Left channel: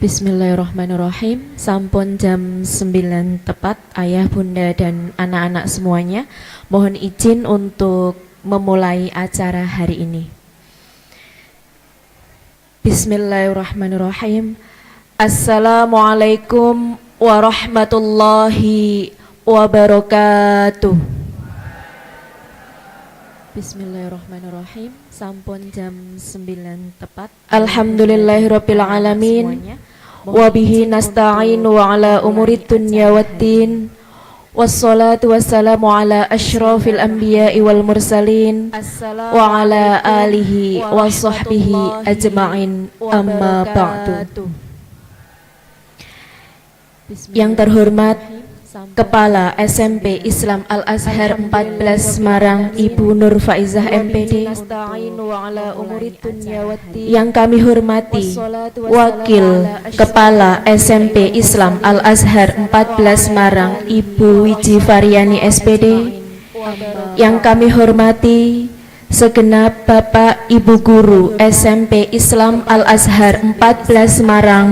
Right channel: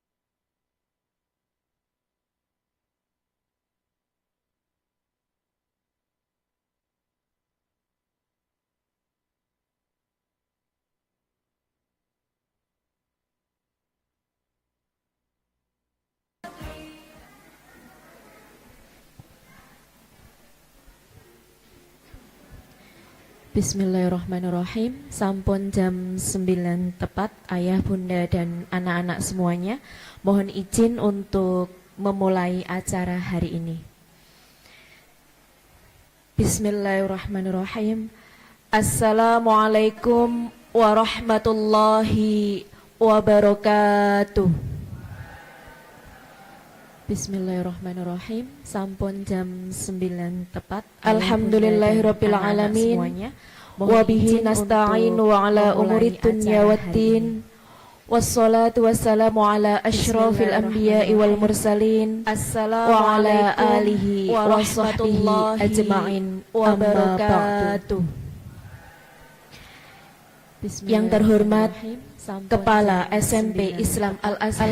Bismillahirrahmanirrahim. Sampun jam 9 tepat, ayah, bunda, dan anak-anak semuanya. Mohon izin untuk memulai acara hari ini. Bismillahirrahmanirrahim. Assalamualaikum warahmatullahi wabarakatuh. Bismillahirrahmanirrahim. Sampun jam 9 tepat. Alhamdulillahirabbil alamin. Wa bihi nasta'in wa ala umurid dunya waddin. Wassalatu wassalamu ala asyrafil anbiya'i wal mursalin wa ala alihi wa sahbihi ajma'in. Amma ba'du. Yang terhormat Kepala SMP Islam Al-Azhar 14 Semarang, Ibu Nur Faizah MP, yang kami hormati Wakil Kepala SMP Islam Al-Azhar 14 Semarang, Ibu Wiji Faryani SPD, yang kami hormati segenap Bapak Ibu Guru SMP Islam Al-Azhar 14 Semarang,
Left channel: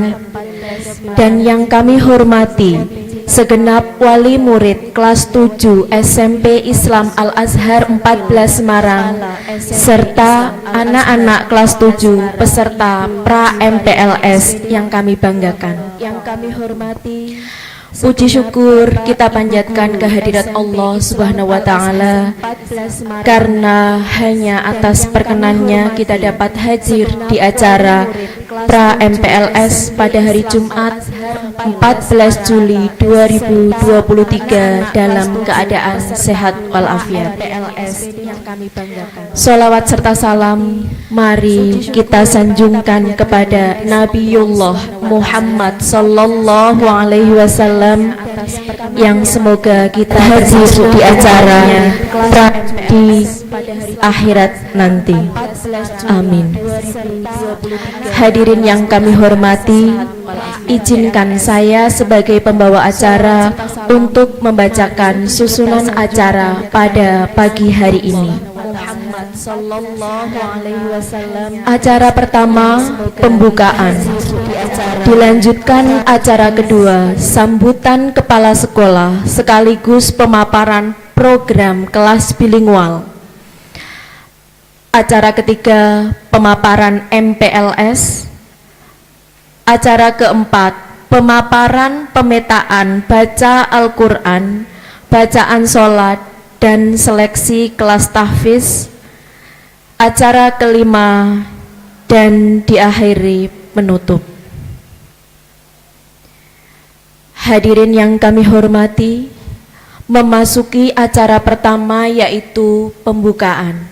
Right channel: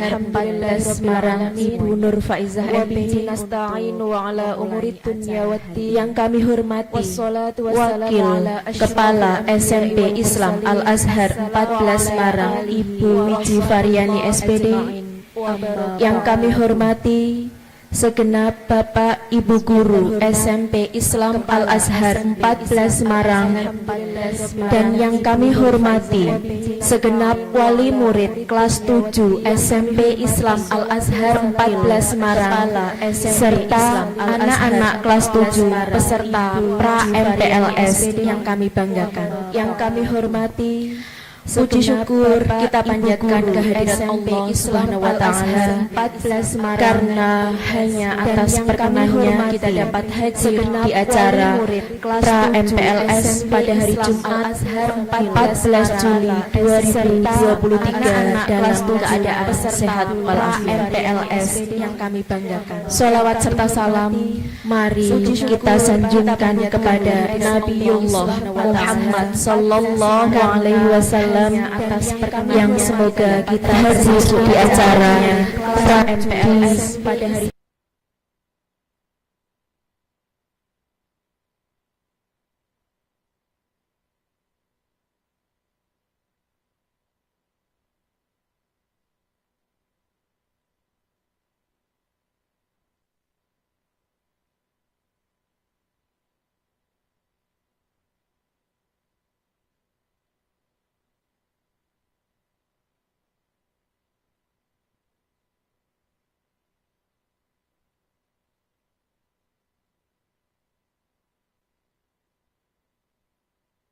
dan yang kami hormati segenap wali murid kelas 7 SMP Islam Al-Azhar 14 Semarang, serta anak-anak kelas 7 peserta pra-MPLS yang kami banggakan. Yang kami hormati, puji syukur kita panjatkan kehadirat Allah Subhanahu wa Ta'ala karena hanya atas perkenannya kita dapat hadir di acara pra-MPLS pada hari Jumat 14 Juli 2023 dalam keadaan sehat walafiat. MPLS yang kami banggakan. Sholawat serta salam mari kita sanjungkan kepada Nabiullah Muhammad sallallahu alaihi wasallam atas yang semoga kita hadir di acara MPLS pada hari akhirat nanti. Amin. Hadirin yang kami hormati, izinkan saya sebagai pembawa acara untuk membacakan susunan acara pada pagi hari ini. Muhammad sallallahu alaihi wasallam. Acara pertama pembukaan di acara, dilanjutkan acara kedua sambutan kepala sekolah sekaligus pemaparan program kelas bilingual. Acara ketiga pemaparan MPLS. Acara keempat pemaparan pemetaan baca Al-Quran, bacaan sholat, dan seleksi kelas tahfiz. Acara kelima dan diakhiri menutup. Hadirin yang kami hormati, memasuki acara pertama yaitu pembukaan.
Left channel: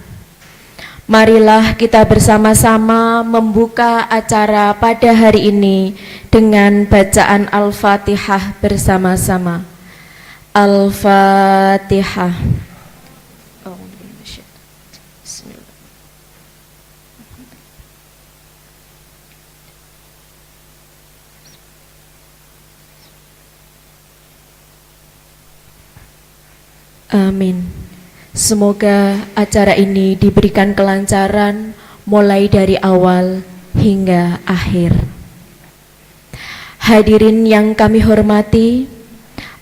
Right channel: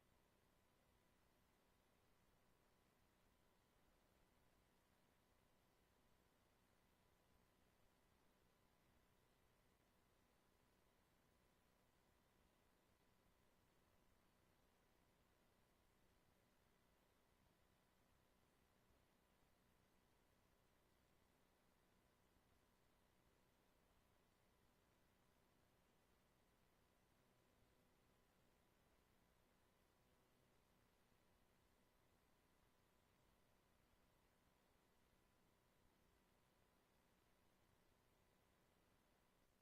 Marilah kita bersama-sama membuka acara pada hari ini dengan bacaan Al-Fatihah bersama-sama. Al-Fatihah. Amin. Semoga acara ini diberikan kelancaran mulai dari awal hingga akhir. Hadirin yang kami hormati,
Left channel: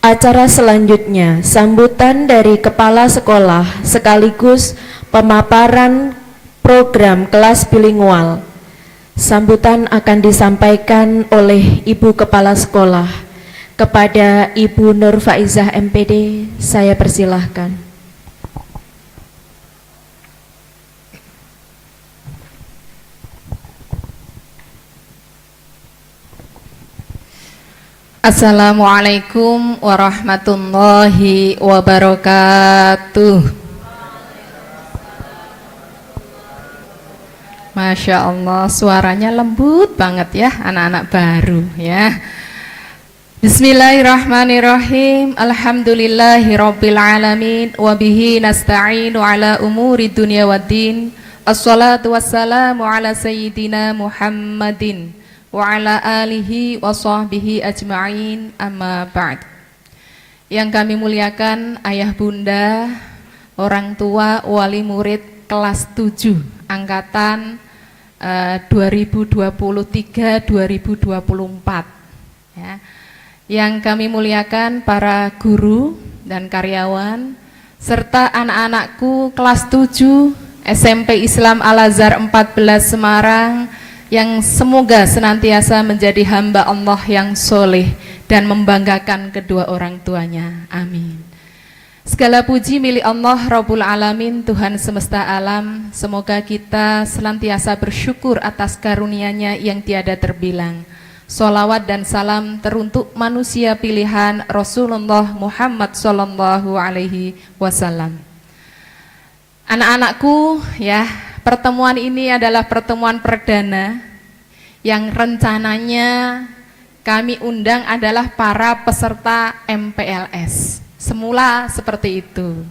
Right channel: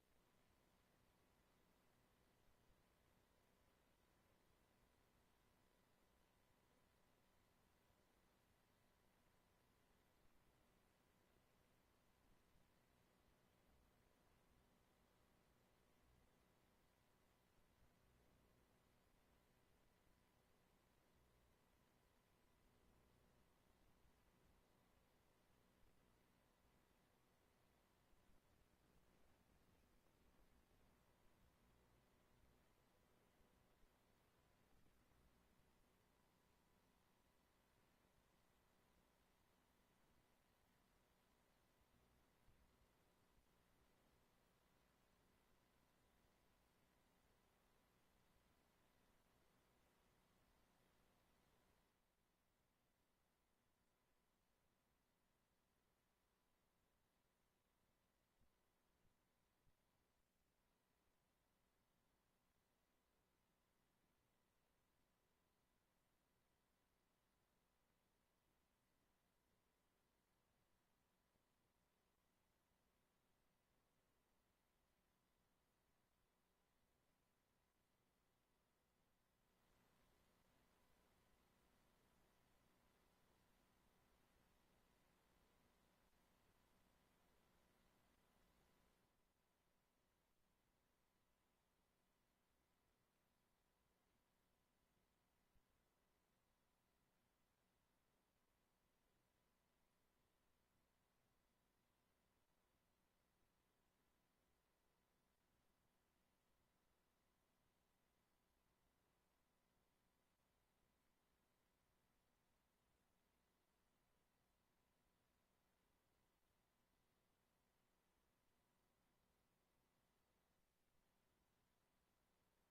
acara selanjutnya sambutan dari kepala sekolah sekaligus pemaparan program kelas bilingual. Sambutan akan disampaikan oleh Ibu Kepala Sekolah. Kepada Ibu Nur Faizah MPD, saya persilahkan. Assalamualaikum warahmatullahi wabarakatuh. Masya Allah, suaranya lembut banget ya, anak-anak baru ya. Bismillahirrahmanirrahim. Alhamdulillahirabbil alamin wa bihi nasta'inu ala umuri dunya waddin. Assalatu wassalamu ala sayyidina Muhammadin wa ala alihi wa sahbihi ajma'in, amma ba'd. Yang kami muliakan ayah bunda, orang tua, wali murid kelas 7 angkatan 2023-2024 ya. Yang kami muliakan para guru dan karyawan serta anak-anakku kelas 7 SMP Islam Al-Azhar 14 Semarang yang semoga senantiasa menjadi hamba Allah yang soleh dan membanggakan kedua orang tuanya. Amin. Segala puji milik Allah Rabbul Alamin, Tuhan semesta alam. Semoga kita senantiasa bersyukur atas karunia-Nya yang tiada terbilang. Sholawat dan salam teruntuk manusia pilihan Rasulullah Muhammad Sallallahu Alaihi Wasallam. Anak-anakku ya, pertemuan ini adalah pertemuan perdana yang rencananya kami undang adalah para peserta MPLS. Semula seperti itu.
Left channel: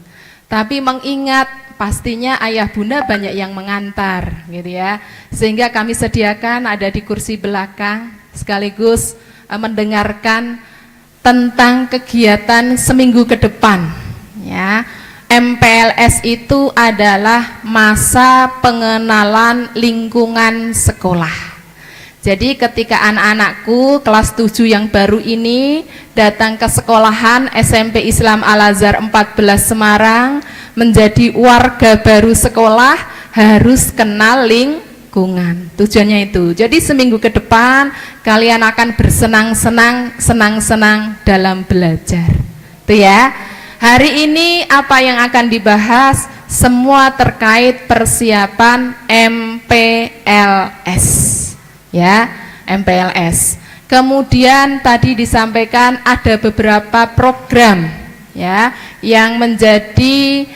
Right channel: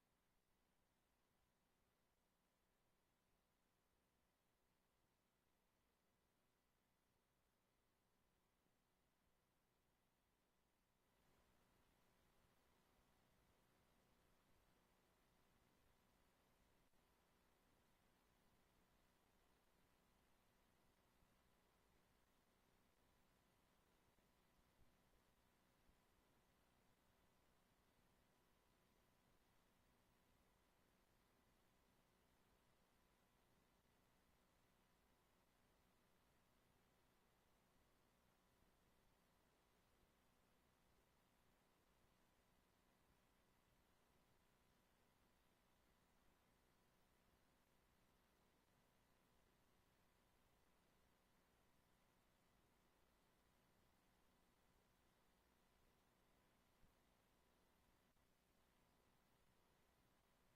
Tapi mengingat pastinya ayah bunda banyak yang mengantar gitu ya. Sehingga kami sediakan ada di kursi belakang sekaligus mendengarkan tentang kegiatan seminggu ke depan ya. MPLS itu adalah masa pengenalan lingkungan sekolah. Jadi ketika anak-anakku kelas 7 yang baru ini datang ke sekolahan SMP Islam Al-Azhar 14 Semarang, menjadi warga baru sekolah harus kenal lingkungan. Tujuannya itu. Jadi seminggu ke depan kalian akan senang-senang dalam belajar. Itu ya. Hari ini apa yang akan dibahas? Semua terkait persiapan MPLS. Ya, MPLS. Kemudian tadi disampaikan ada beberapa program ya yang menjadi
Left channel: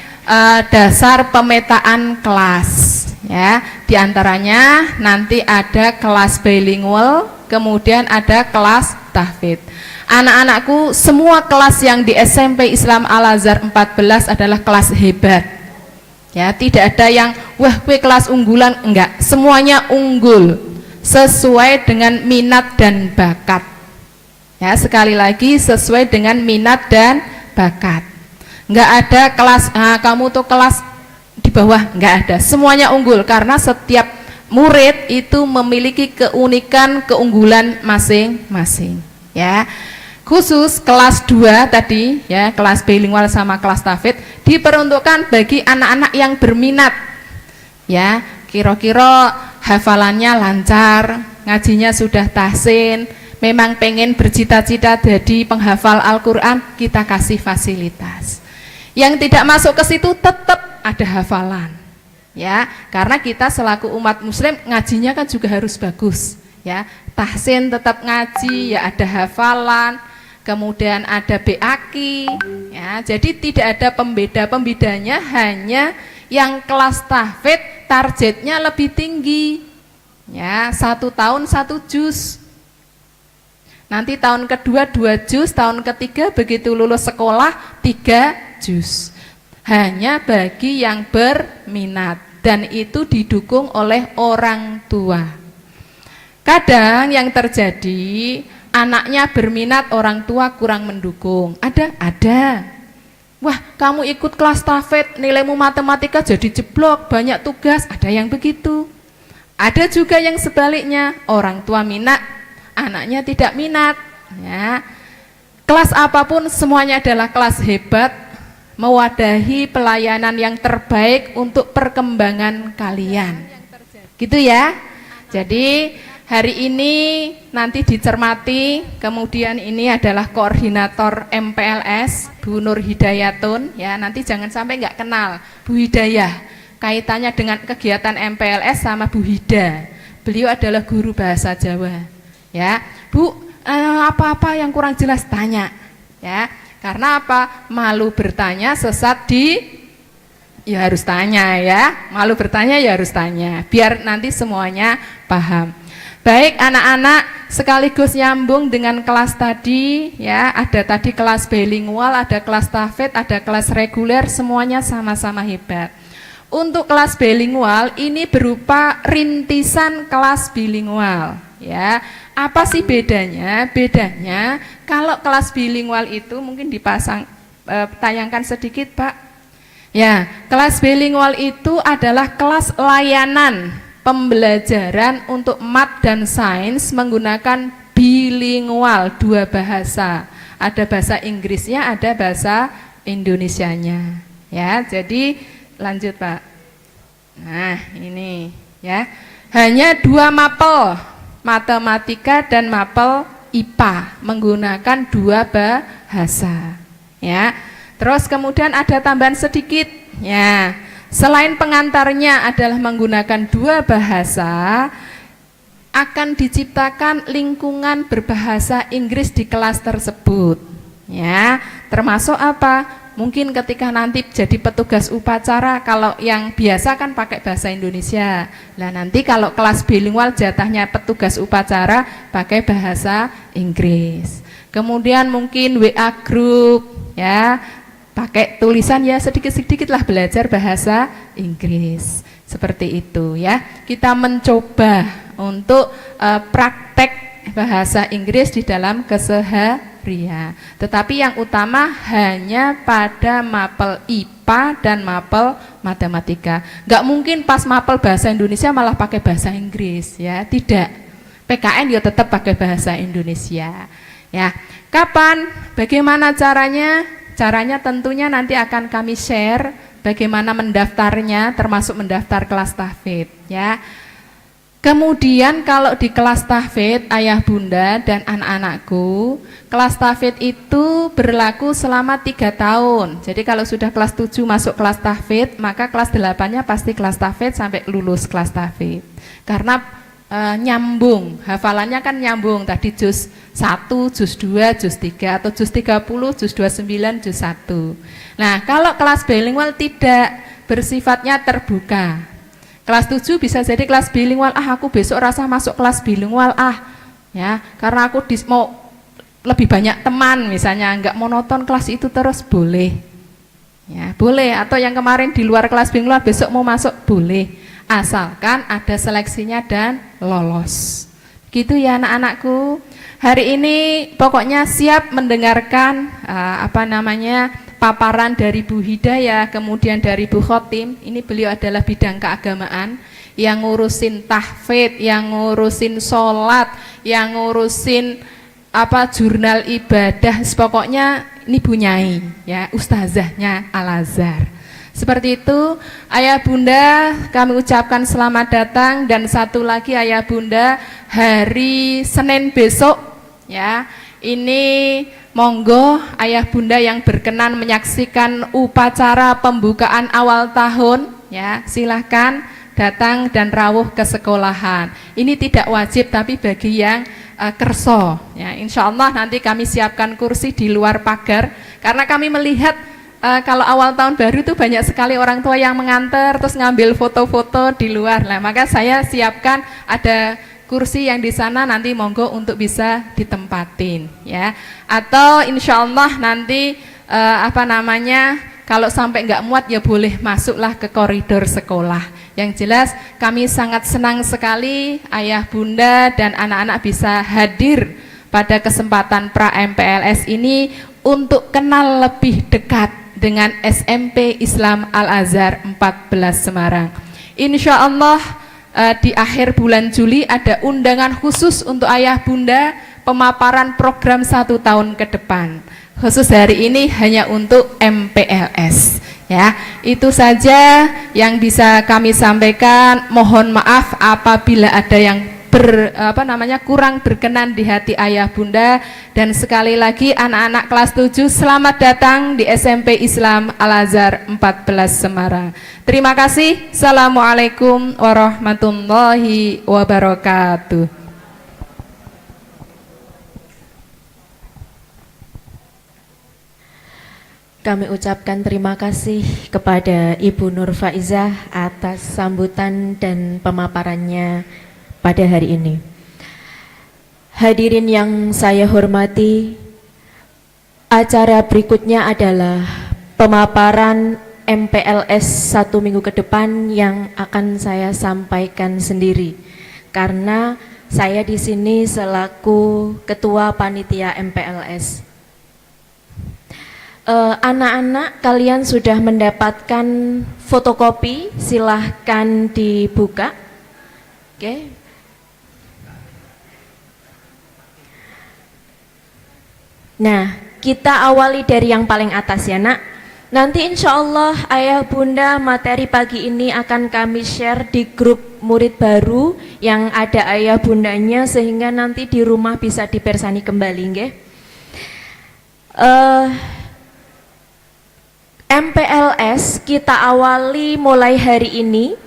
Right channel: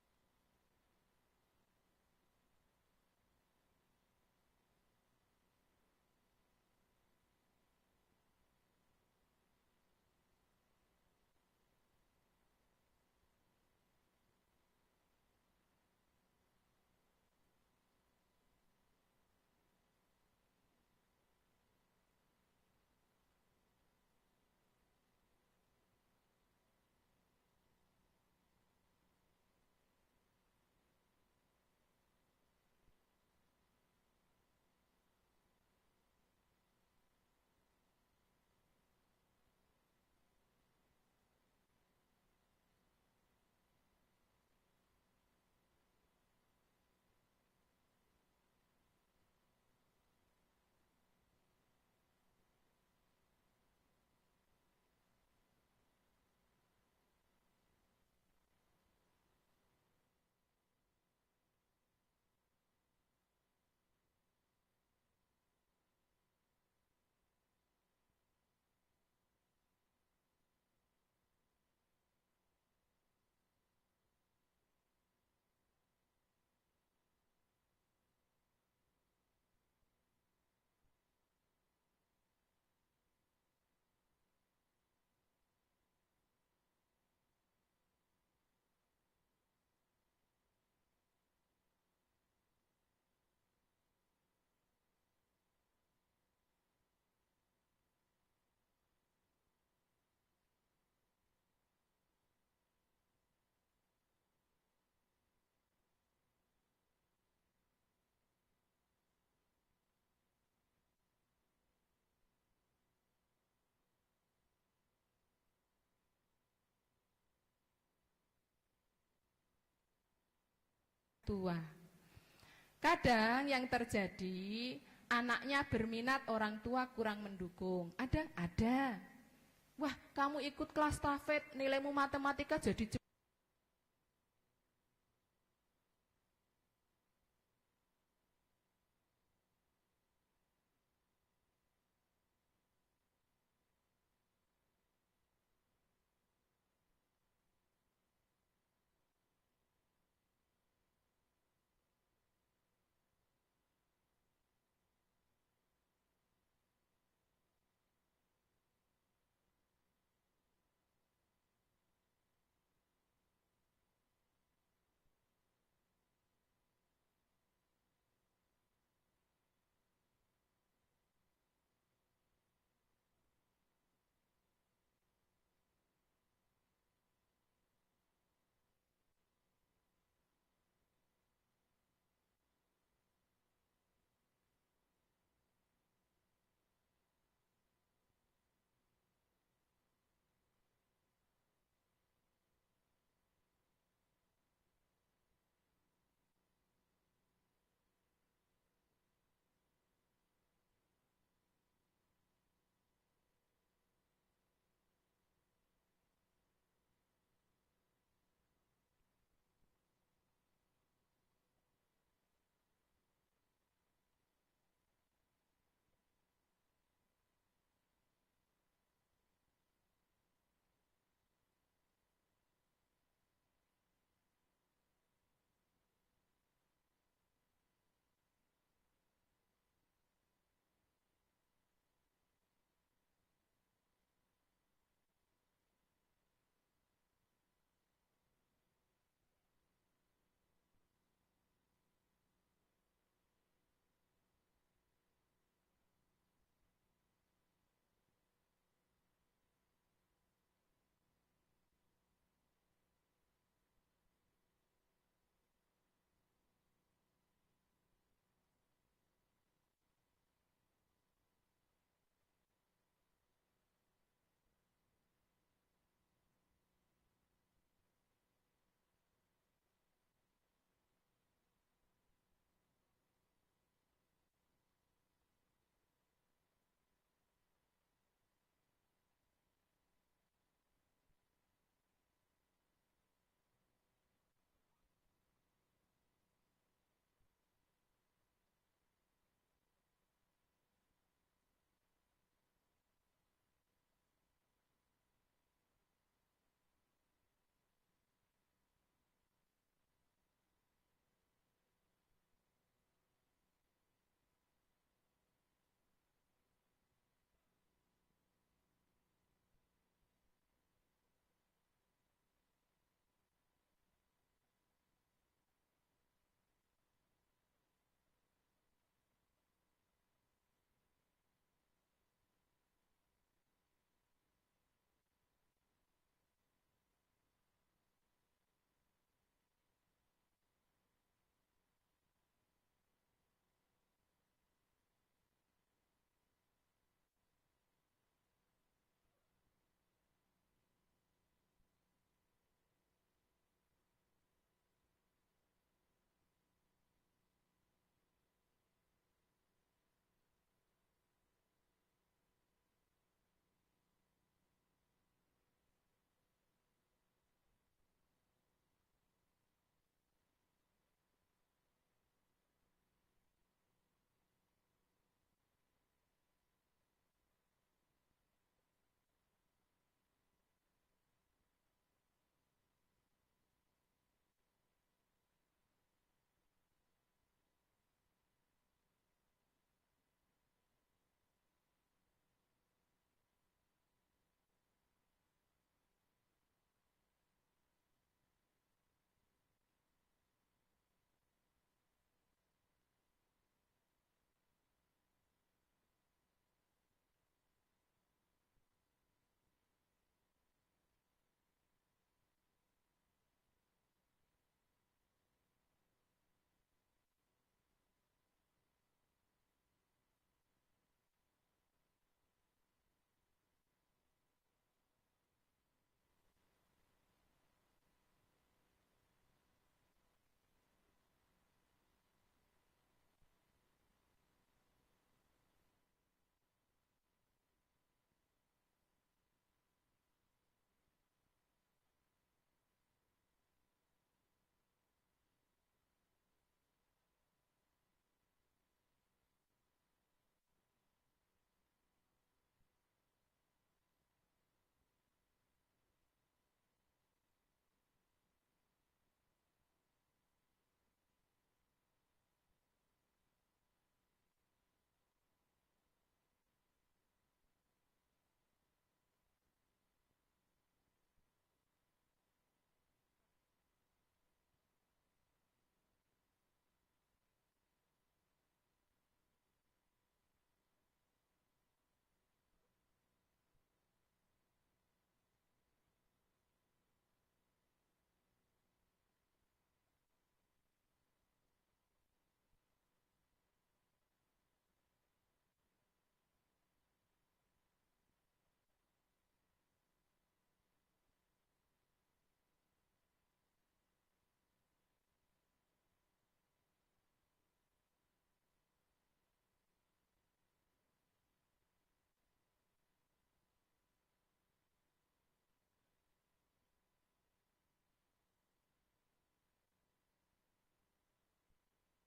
dasar pemetaan kelas ya. Di antaranya nanti ada kelas bilingual, kemudian ada kelas tahfidz. Anak-anakku, semua kelas yang di SMP Islam Al-Azhar 14 adalah kelas hebat. Ya, tidak ada yang wah gue kelas unggulan, enggak, semuanya unggul sesuai dengan minat dan bakat. Ya, sekali lagi sesuai dengan minat dan bakat. Enggak ada kelas kamu tuh kelas di bawah, enggak ada. Semuanya unggul karena setiap murid itu memiliki keunikan, keunggulan masing-masing. Ya. Khusus kelas 2 tadi ya, kelas bilingual sama kelas tahfidz diperuntukkan bagi anak-anak yang berminat. Ya, kira-kira hafalannya lancar, ngajinya sudah tahsin, memang pengen bercita-cita jadi penghafal Al-Qur'an, kita kasih fasilitas. Yang tidak masuk ke situ tetap ada hafalan. Ya, karena kita selaku umat muslim ngajinya kan juga harus bagus, ya. Tahsin tetap ngaji, ya ada hafalan, kemudian ada BAKI, ya. Jadi tidak ada pembedanya hanya yang kelas tahfidz targetnya lebih tinggi, ya 1 tahun 1 juz. Nanti tahun kedua 2 juz, tahun ketiga begitu lulus sekolah 3 juz. Hanya bagi yang berminat dan itu didukung oleh orang tua. Kadang yang terjadi anaknya berminat, orang tua kurang mendukung. Ada. Wah, kamu ikut kelas tahfidz, nilaimu matematika jadi jeblok, banyak tugas, ada yang begitu. Ada juga yang sebaliknya, orang tua minat, anaknya tidak minat. Ya. Kelas apapun semuanya adalah kelas hebat, mewadahi pelayanan yang terbaik untuk perkembangan kalian. Gitu ya. Jadi hari ini nanti dicermati, kemudian ini adalah koordinator MPLS Bu Nur Hidayatun ya, nanti jangan sampai nggak kenal Bu Hidayah, kaitannya dengan kegiatan MPLS sama Bu Hida. Beliau adalah guru bahasa Jawa ya. Bu, apa-apa yang kurang jelas tanya ya, karena apa? Malu bertanya sesat ya harus tanya ya, malu bertanya ya harus tanya, biar nanti semuanya paham. Baik anak-anak, sekaligus nyambung dengan kelas tadi ya, ada tadi kelas bilingual, ada kelas tahfidz, ada kelas reguler, semuanya sama-sama hebat. Untuk kelas bilingual ini berupa rintisan kelas bilingual ya. Apa sih bedanya? Bedanya kalau kelas bilingual itu mungkin dipasang tayangkan sedikit Pak. Ya, kelas bilingual itu adalah kelas layanan pembelajaran untuk mat dan sains menggunakan bilingual, dua bahasa. Ada bahasa Inggrisnya, ada bahasa Indonesianya. Ya, jadi lanjut Pak. Nah, ini ya. Hanya dua mapel, matematika dan mapel IPA, menggunakan dua bahasa. Ya. Terus kemudian ada tambahan sedikit. Ya. Selain pengantarnya adalah menggunakan dua bahasa, akan diciptakan lingkungan berbahasa Inggris di kelas tersebut. Ya, termasuk apa? Mungkin ketika nanti jadi petugas upacara, kalau yang biasa kan pakai bahasa Indonesia. Nah, nanti kalau kelas bilingual jatahnya petugas upacara pakai bahasa Inggris. Kemudian mungkin WA group, ya, pakai tulisan ya sedikit-sedikit lah belajar bahasa Inggris. Seperti itu ya. Kita mencoba untuk praktek bahasa Inggris di dalam keseharian. Tetapi yang utama hanya pada mapel IPA dan mapel matematika. Nggak mungkin pas mapel bahasa Indonesia malah pakai bahasa Inggris ya, tidak. PKN ya tetap pakai bahasa Indonesia. Ya, kapan? Bagaimana caranya? Caranya tentunya nanti akan kami share. Bagaimana mendaftarnya, termasuk mendaftar kelas tahfidz ya. Kemudian kalau di kelas tahfidz ayah bunda dan anak-anakku, kelas tahfidz itu berlaku selama 3 tahun. Jadi kalau sudah kelas 7 masuk kelas tahfidz, maka kelas 8-nya pasti kelas tahfidz sampai lulus kelas tahfidz. Karena nyambung, hafalannya kan nyambung, tadi juz 1, juz 2, juz 3, atau juz 30, juz 29, juz 1. Nah, kalau kelas bilingual tidak, bersifatnya terbuka. Kelas 7 bisa jadi kelas bilingual, aku besok rasa masuk kelas bilingual ya, karena aku mau lebih banyak teman misalnya, enggak monoton kelas itu terus, boleh. Ya, boleh, atau yang kemarin di luar kelas bilingual besok mau masuk, boleh. Asalkan ada seleksinya dan lolos. Gitu ya anak-anakku. Hari ini pokoknya siap mendengarkan paparan dari Bu Hidayah, kemudian dari Bu Khotim. Ini beliau adalah bidang keagamaan yang ngurusin tahfidz, yang ngurusin sholat, yang ngurusin jurnal ibadah. Pokoknya ini Bu Nyai, ya, ustazahnya Al-Azhar. Seperti itu, ayah bunda kami ucapkan selamat datang, dan satu lagi ayah bunda, hari Senin besok ya, ini monggo ayah bunda yang berkenan menyaksikan upacara pembukaan awal tahun ya, silahkan datang dan rawuh ke sekolahan. Ini tidak wajib tapi bagi yang kerso ya, insya Allah nanti kami siapkan kursi di luar pagar, karena kami melihat kalau awal tahun baru itu banyak sekali orang tua yang mengantar terus ngambil foto-foto di luar. Nah, maka saya siapkan ada kursi yang di sana, nanti monggo untuk bisa ditempatin ya. Atau insya Allah nanti kalau sampai nggak muat ya boleh masuklah ke koridor sekolah. Yang jelas kami sangat senang sekali ayah bunda dan anak-anak bisa hadir pada kesempatan pra MPLS ini untuk kenal lebih dekat dengan SMP Islam Al-Azhar 14 Semarang. Insya Allah di akhir bulan Juli ada undangan khusus untuk ayah bunda, pemaparan program 1 tahun ke depan. Khusus hari ini hanya untuk MPLS. Ya, itu saja yang bisa kami sampaikan. Mohon maaf apabila ada yang kurang berkenan di hati ayah bunda, dan sekali lagi anak-anak kelas 7 selamat datang di SMP Islam Al-Azhar 14 Semarang. Terima kasih. Assalamualaikum warahmatullahi wabarakatuh. Kami ucapkan terima kasih kepada Ibu Nur Faizah atas sambutan dan pemaparannya pada hari ini. Hadirin yang saya hormati, acara berikutnya adalah pemaparan MPLS 1 minggu ke depan yang akan saya sampaikan sendiri, karena saya di sini selaku ketua panitia MPLS. Anak-anak kalian sudah mendapatkan fotokopi, silahkan dibuka. Oke. Nah, kita awali dari yang paling atas ya nak. Nanti insya Allah ayah bunda materi pagi ini akan kami share di grup murid baru yang ada ayah bundanya, sehingga nanti di rumah bisa dipersani kembali nggih. MPLS kita awali mulai hari ini,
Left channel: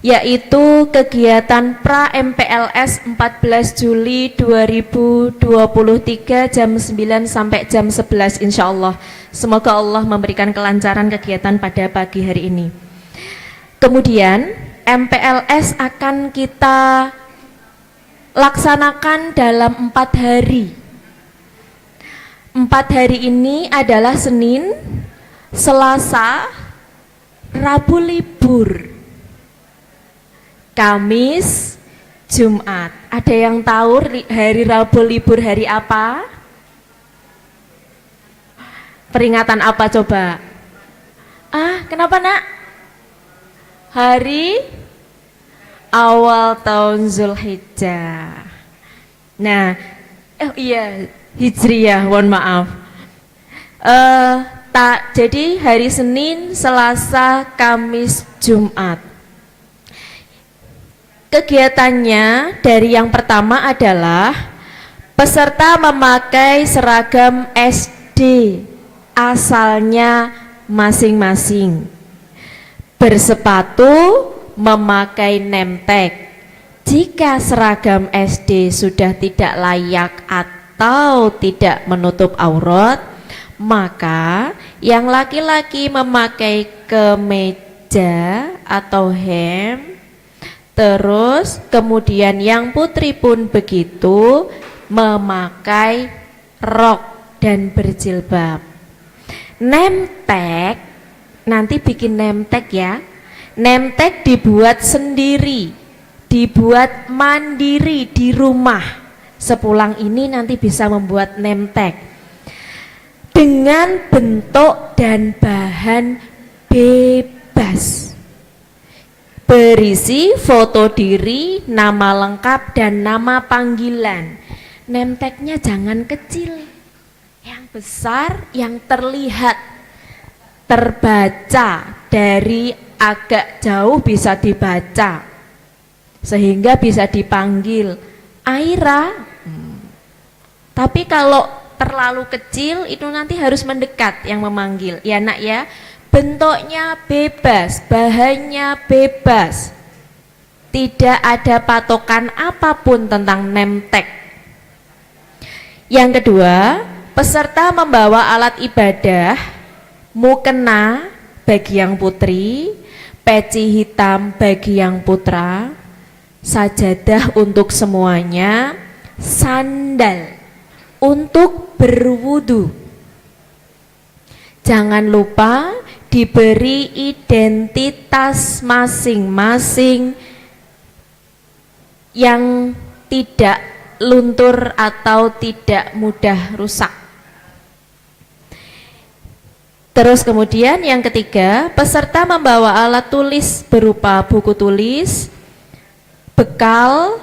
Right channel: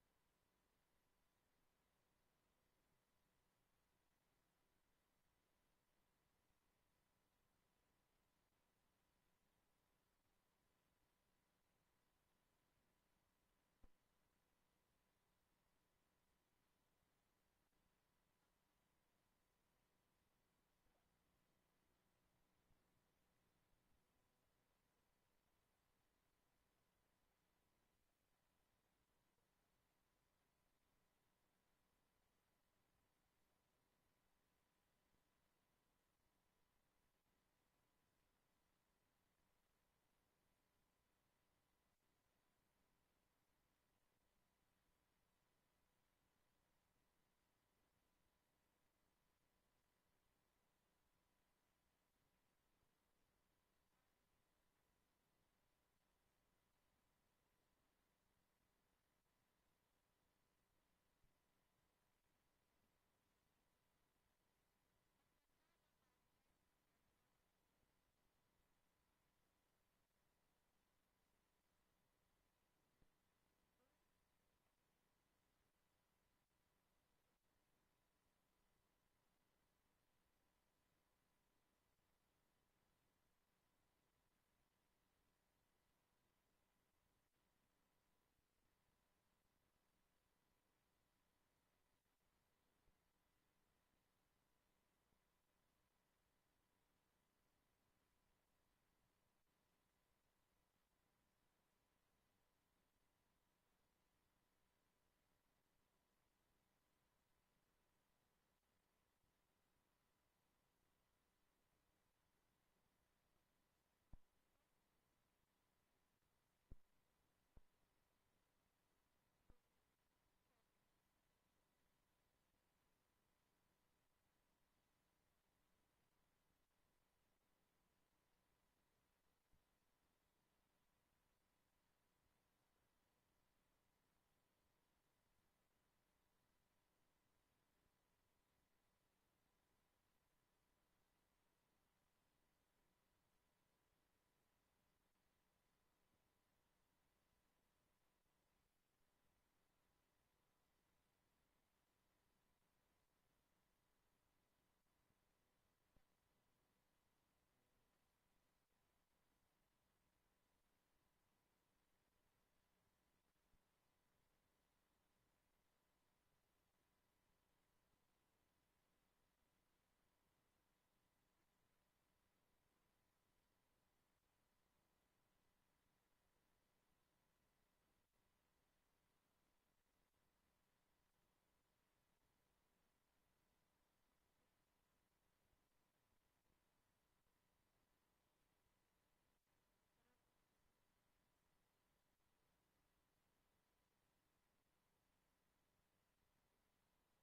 yaitu kegiatan pra MPLS 14 Juli 2023 jam 9 sampai jam 11 insya Allah. Semoga Allah memberikan kelancaran kegiatan pada pagi hari ini. Kemudian MPLS akan kita laksanakan dalam 4 hari. 4 hari ini adalah Senin, Selasa, Rabu libur, Kamis, Jumat. Ada yang tahu hari Rabu libur hari apa? Peringatan apa coba? Kenapa nak? Hari awal tahun Zulhijjah. Nah, iya Hijriyah, mohon maaf. Jadi hari Senin, Selasa, Kamis, Jumat. Kegiatannya dari yang pertama adalah peserta memakai seragam SD asalnya masing-masing, bersepatu, memakai name tag. Jika seragam SD sudah tidak layak atau tidak menutup aurat, maka yang laki-laki memakai kemeja atau hem, terus kemudian yang putri pun begitu, memakai rok dan berjilbab. Name tag, nanti bikin name tag ya. Name tag dibuat sendiri, dibuat mandiri di rumah. Sepulang ini nanti bisa membuat name tag dengan bentuk dan bahan bebas, berisi foto diri, nama lengkap dan nama panggilan. Name tag-nya jangan kecil, yang besar, yang terlihat, terbaca, dari agak jauh bisa dibaca, sehingga bisa dipanggil Aira. Tapi kalau terlalu kecil itu nanti harus mendekat yang memanggil ya nak ya. Bentuknya bebas, bahannya bebas, tidak ada patokan apapun tentang name tag. Yang kedua, peserta membawa alat ibadah, mukena bagi yang putri, peci hitam bagi yang putra, sajadah untuk semuanya, sandal untuk berwudu. Jangan lupa diberi identitas masing-masing yang tidak luntur atau tidak mudah rusak. Terus kemudian yang ketiga, peserta membawa alat tulis berupa buku tulis, bekal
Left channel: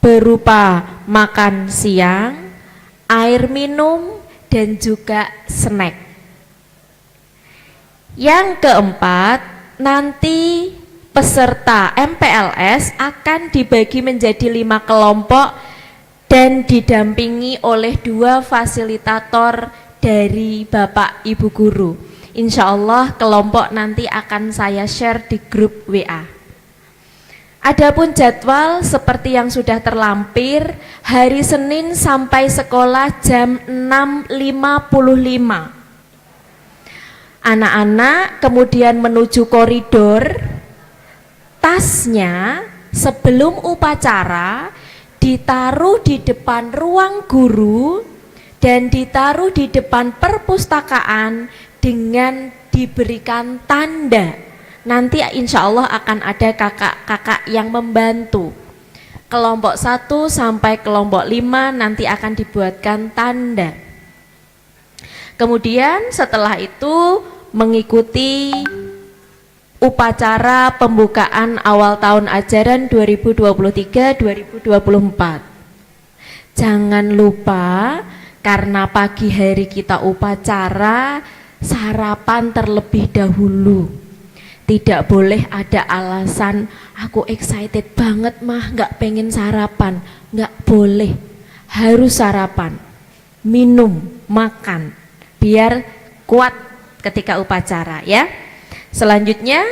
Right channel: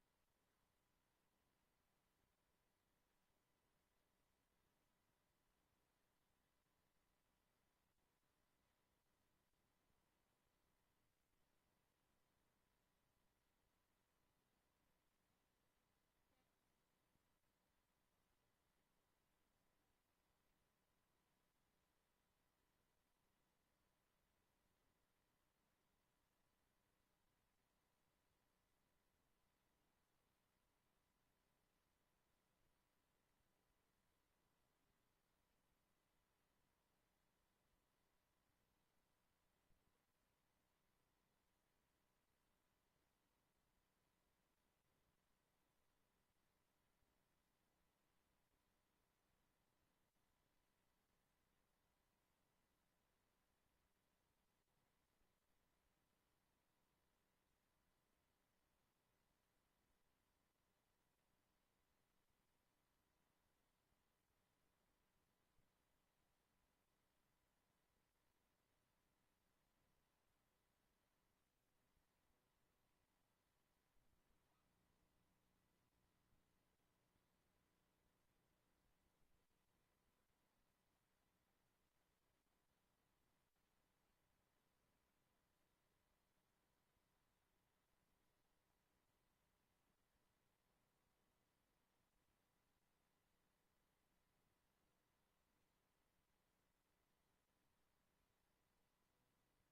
berupa makan siang, air minum, dan juga snack. Yang keempat, nanti peserta MPLS akan dibagi menjadi 5 kelompok dan didampingi oleh 2 fasilitator dari Bapak Ibu Guru. Insya Allah kelompok nanti akan saya share di grup WA. Adapun jadwal seperti yang sudah terlampir, hari Senin sampai sekolah jam 6.55. Anak-anak kemudian menuju koridor, tasnya sebelum upacara ditaruh di depan ruang guru dan ditaruh di depan perpustakaan dengan diberikan tanda. Nanti insya Allah akan ada kakak-kakak yang membantu. Kelompok 1 sampai kelompok 5 nanti akan dibuatkan tanda. Kemudian setelah itu mengikuti upacara pembukaan awal tahun ajaran 2023-2024. Jangan lupa, karena pagi hari kita upacara, sarapan terlebih dahulu. Tidak boleh ada alasan, aku excited banget mah, nggak pengen sarapan. Nggak boleh, harus sarapan, minum, makan, biar kuat ketika upacara ya. Selanjutnya,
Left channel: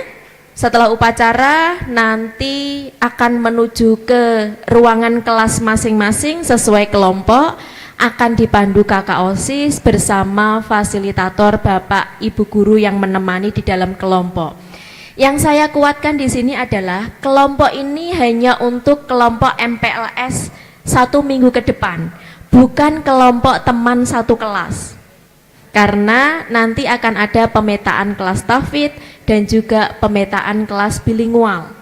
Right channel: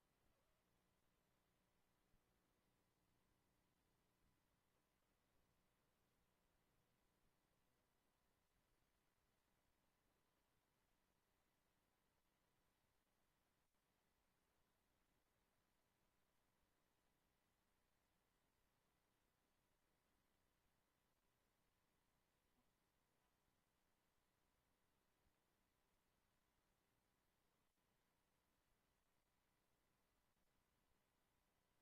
setelah upacara nanti akan menuju ke ruangan kelas masing-masing sesuai kelompok, akan dipandu kakak OSIS bersama fasilitator Bapak Ibu guru yang menemani di dalam kelompok. Yang saya kuatkan di sini adalah kelompok ini hanya untuk kelompok MPLS 1 minggu ke depan, bukan kelompok teman satu kelas. Karena nanti akan ada pemetaan kelas tahfidz dan juga pemetaan kelas bilingual.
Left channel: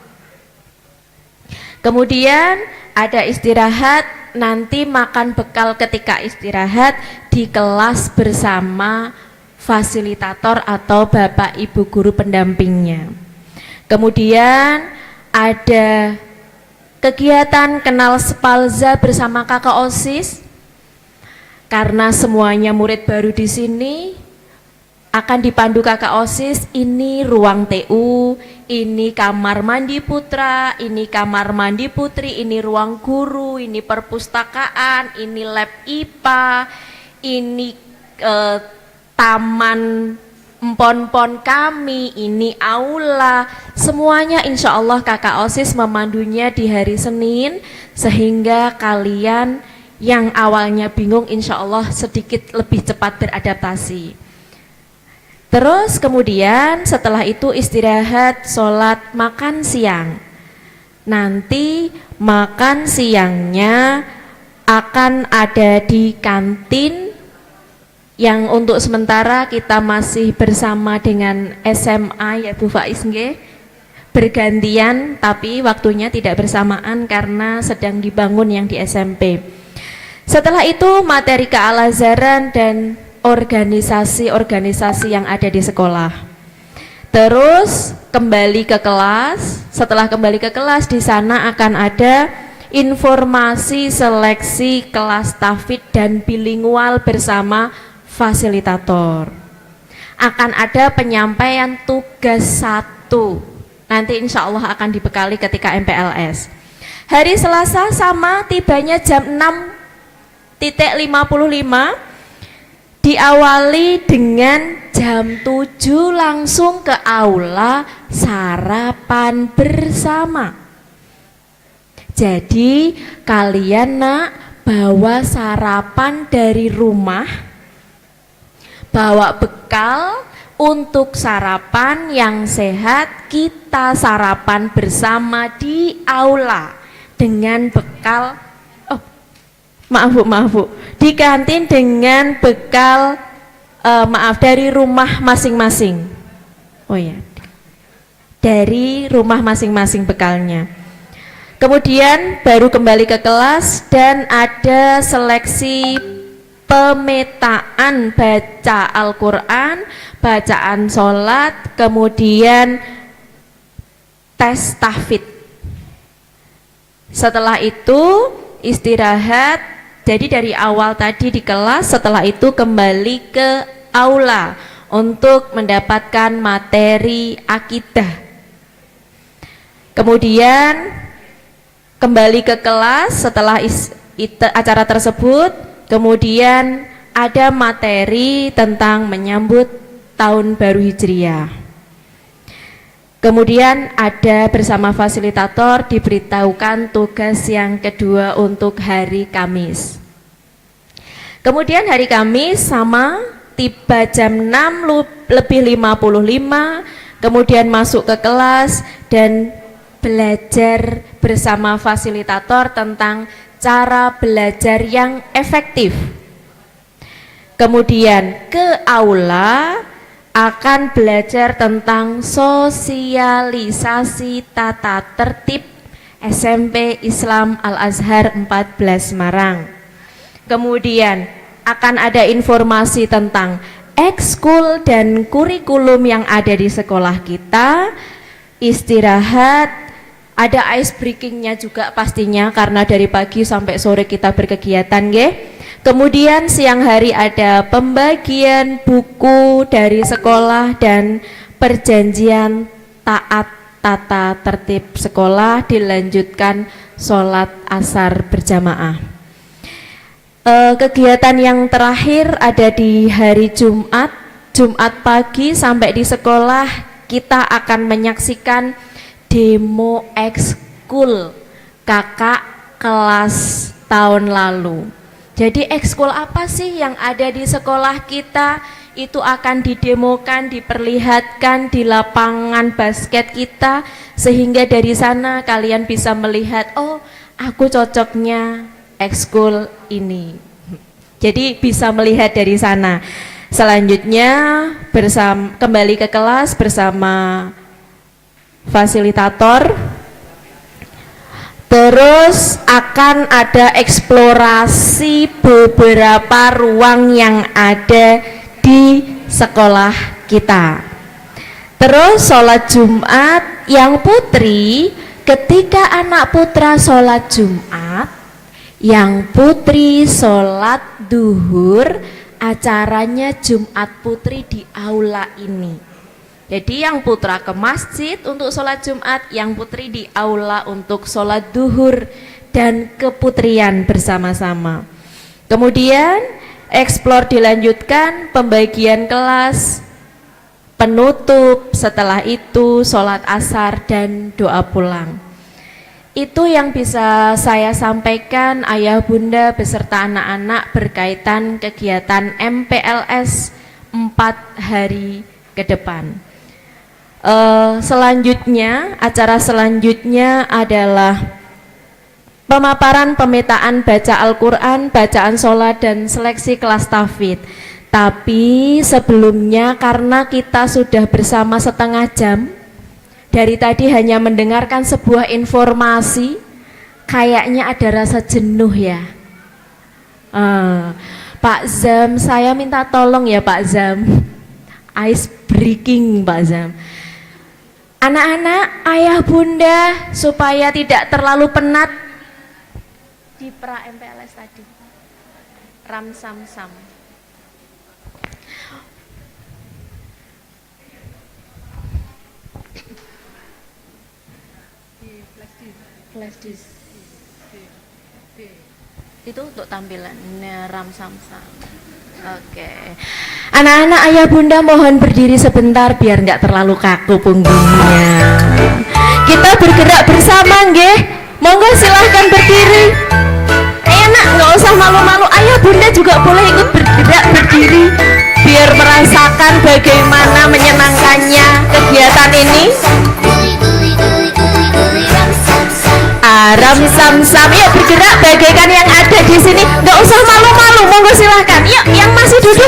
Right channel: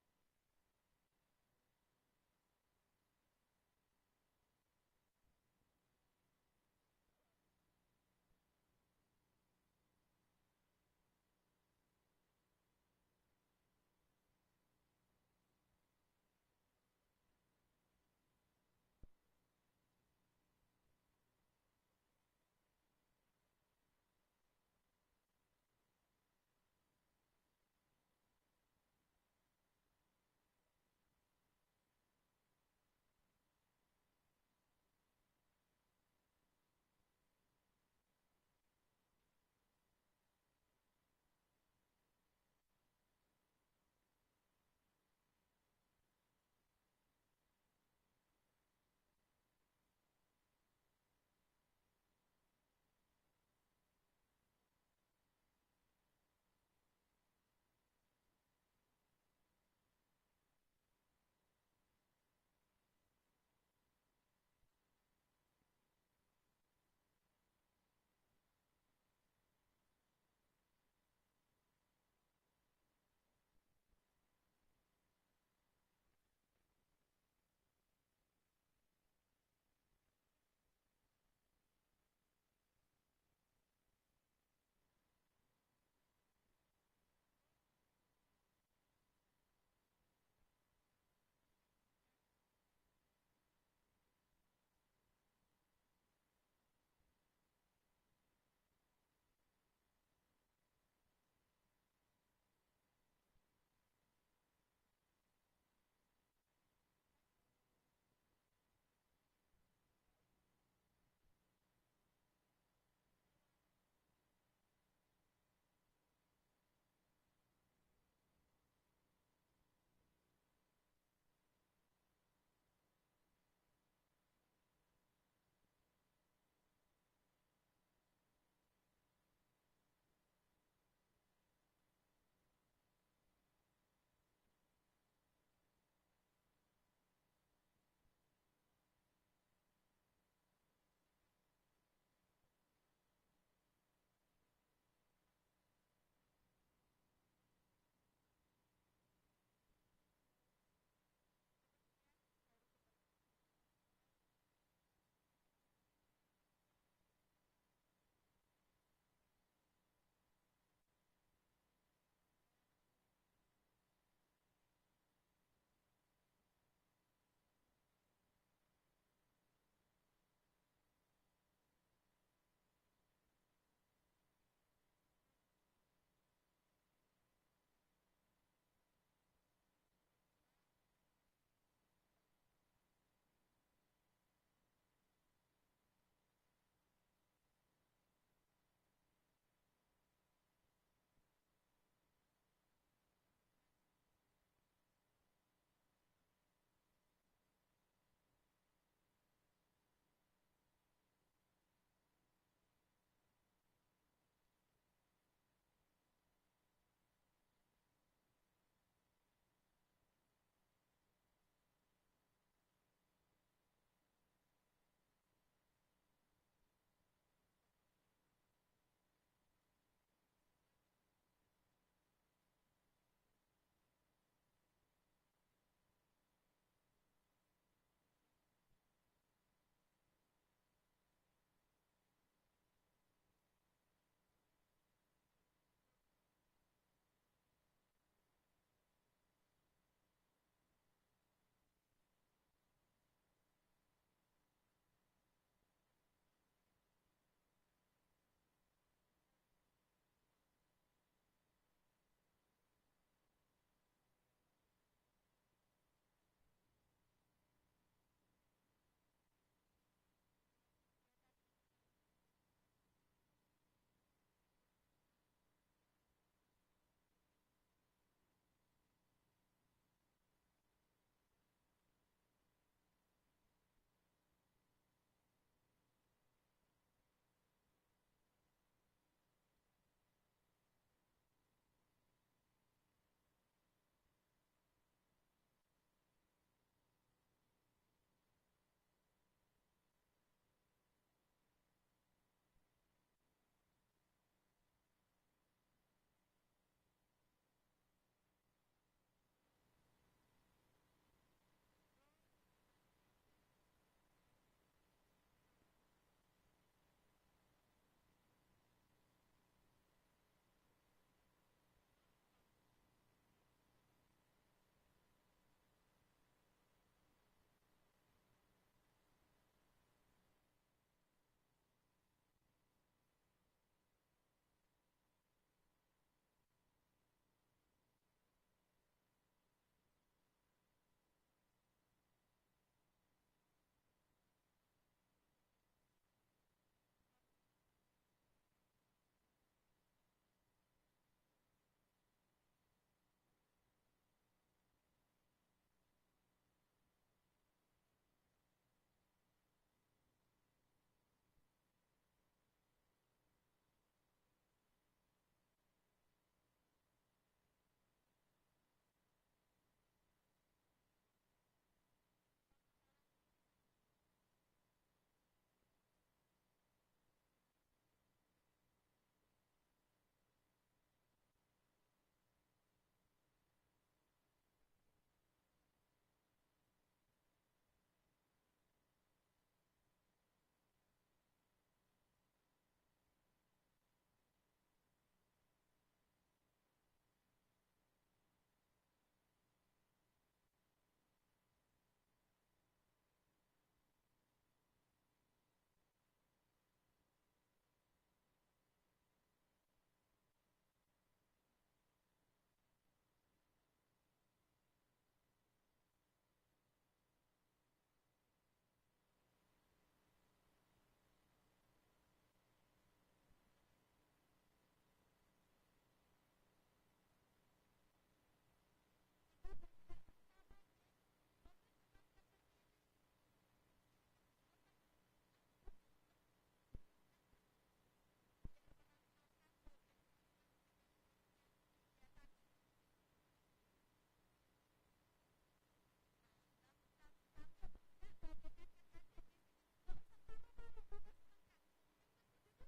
Kemudian ada istirahat, nanti makan bekal ketika istirahat di kelas bersama fasilitator atau Bapak Ibu guru pendampingnya. Kemudian ada kegiatan kenal spalza bersama kakak OSIS. Karena semuanya murid baru di sini, akan dipandu kakak OSIS, ini ruang TU, ini kamar mandi putra, ini kamar mandi putri, ini ruang guru, ini perpustakaan, ini lab IPA, ini taman empon-pon kami, ini aula. Semuanya insya Allah kakak OSIS memandunya di hari Senin, sehingga kalian yang awalnya bingung insya Allah sedikit lebih cepat beradaptasi. Terus kemudian setelah itu istirahat, sholat, makan siang. Nanti makan siangnya akan ada di kantin, yang untuk sementara kita masih bersama dengan SMA ya Bu Faiz nggih. Bergantian tapi waktunya tidak bersamaan karena sedang dibangun yang di SMP. Setelah itu materi kealazaran dan organisasi-organisasi yang ada di sekolah. Terus kembali ke kelas. Setelah kembali ke kelas, di sana akan ada informasi seleksi kelas tahfidz dan bilingual bersama fasilitator. Akan ada penyampaian tugas 1. Nanti insya Allah akan dibekali ketika MPLS. Hari Selasa sama, tibanya jam 6.55, diawali dengan jam 7 langsung ke aula sarapan bersama. Jadi kalian nak bawa sarapan dari rumah, bawa bekal untuk sarapan yang sehat. Kita sarapan bersama di aula dengan bekal, maaf Bu, di kantin dengan bekal dari rumah masing-masing. Oh ya, dari rumah masing-masing bekalnya. Kemudian baru kembali ke kelas dan ada seleksi pemetaan baca Al-Quran, bacaan sholat, kemudian tes tahfidz. Setelah itu istirahat. Jadi dari awal tadi di kelas, setelah itu kembali ke aula untuk mendapatkan materi akidah. Kemudian kembali ke kelas setelah acara tersebut, kemudian ada materi tentang menyambut tahun baru Hijriah. Kemudian ada bersama fasilitator diberitahukan tugas yang kedua untuk hari Kamis. Kemudian hari Kamis sama, tiba jam 6:55, kemudian masuk ke kelas dan belajar bersama fasilitator tentang cara belajar yang efektif. Kemudian ke aula akan belajar tentang sosialisasi tata tertib SMP Islam Al-Azhar 14 Semarang. Kemudian akan ada informasi tentang ekskul dan kurikulum yang ada di sekolah kita. istirahat, ada ice breakingnya juga pastinya karena dari pagi sampai sore kita berkegiatan nggih. Kemudian siang hari ada pembagian buku dari sekolah dan perjanjian taat tata tertib sekolah, dilanjutkan sholat asar berjamaah. Kegiatan yang terakhir ada di hari Jumat pagi sampai di sekolah kita akan menyaksikan demo ekskul kakak kelas tahun lalu. Jadi ekskul apa sih yang ada di sekolah kita? Itu akan didemokan, diperlihatkan di lapangan basket kita, sehingga dari sana kalian bisa melihat, oh aku cocoknya ekskul ini. Jadi bisa melihat dari sana. Selanjutnya kembali ke kelas bersama fasilitator. Terus akan ada eksplorasi beberapa ruang yang ada di sekolah kita. Terus sholat Jumat yang putri, ketika anak putra sholat Jumat, yang putri sholat duhur, acaranya Jumat putri di aula ini. Jadi yang putra ke masjid untuk sholat Jumat, yang putri di aula untuk sholat duhur dan keputrian bersama-sama. Kemudian eksplor dilanjutkan, pembagian kelas, penutup, setelah itu sholat asar dan doa pulang. Itu yang bisa saya sampaikan ayah bunda beserta anak-anak berkaitan kegiatan MPLS 4 hari ke depan. Selanjutnya, acara selanjutnya adalah pemaparan pemetaan baca Al-Quran, bacaan sholat dan seleksi kelas tahfidz. Tapi sebelumnya karena kita sudah bersama setengah jam, dari tadi hanya mendengarkan sebuah informasi, kayaknya ada rasa jenuh ya. Pak Zam, saya minta tolong ya Pak Zam, ice breaking Pak Zam. Anak-anak, ayah bunda, supaya tidak terlalu penat di pra MPLS tadi, ram sam sam. Flash disk. Itu untuk tampilan ram sam sam. Oke. Anak-anak, ayah bunda mohon berdiri sebentar biar nggak terlalu kaku punggungnya. Kita bergerak bersama nggih. Monggo silahkan berdiri. Enak, nggak usah malu-malu. Ayah bunda juga boleh ikut bergerak berdiri biar merasakan bagaimana menyenangkannya kegiatan ini. Ram sam sam, yuk bergerak bagaikan yang ada di sini. Nggak usah malu-malu, monggo silahkan. Yuk, yang masih duduk.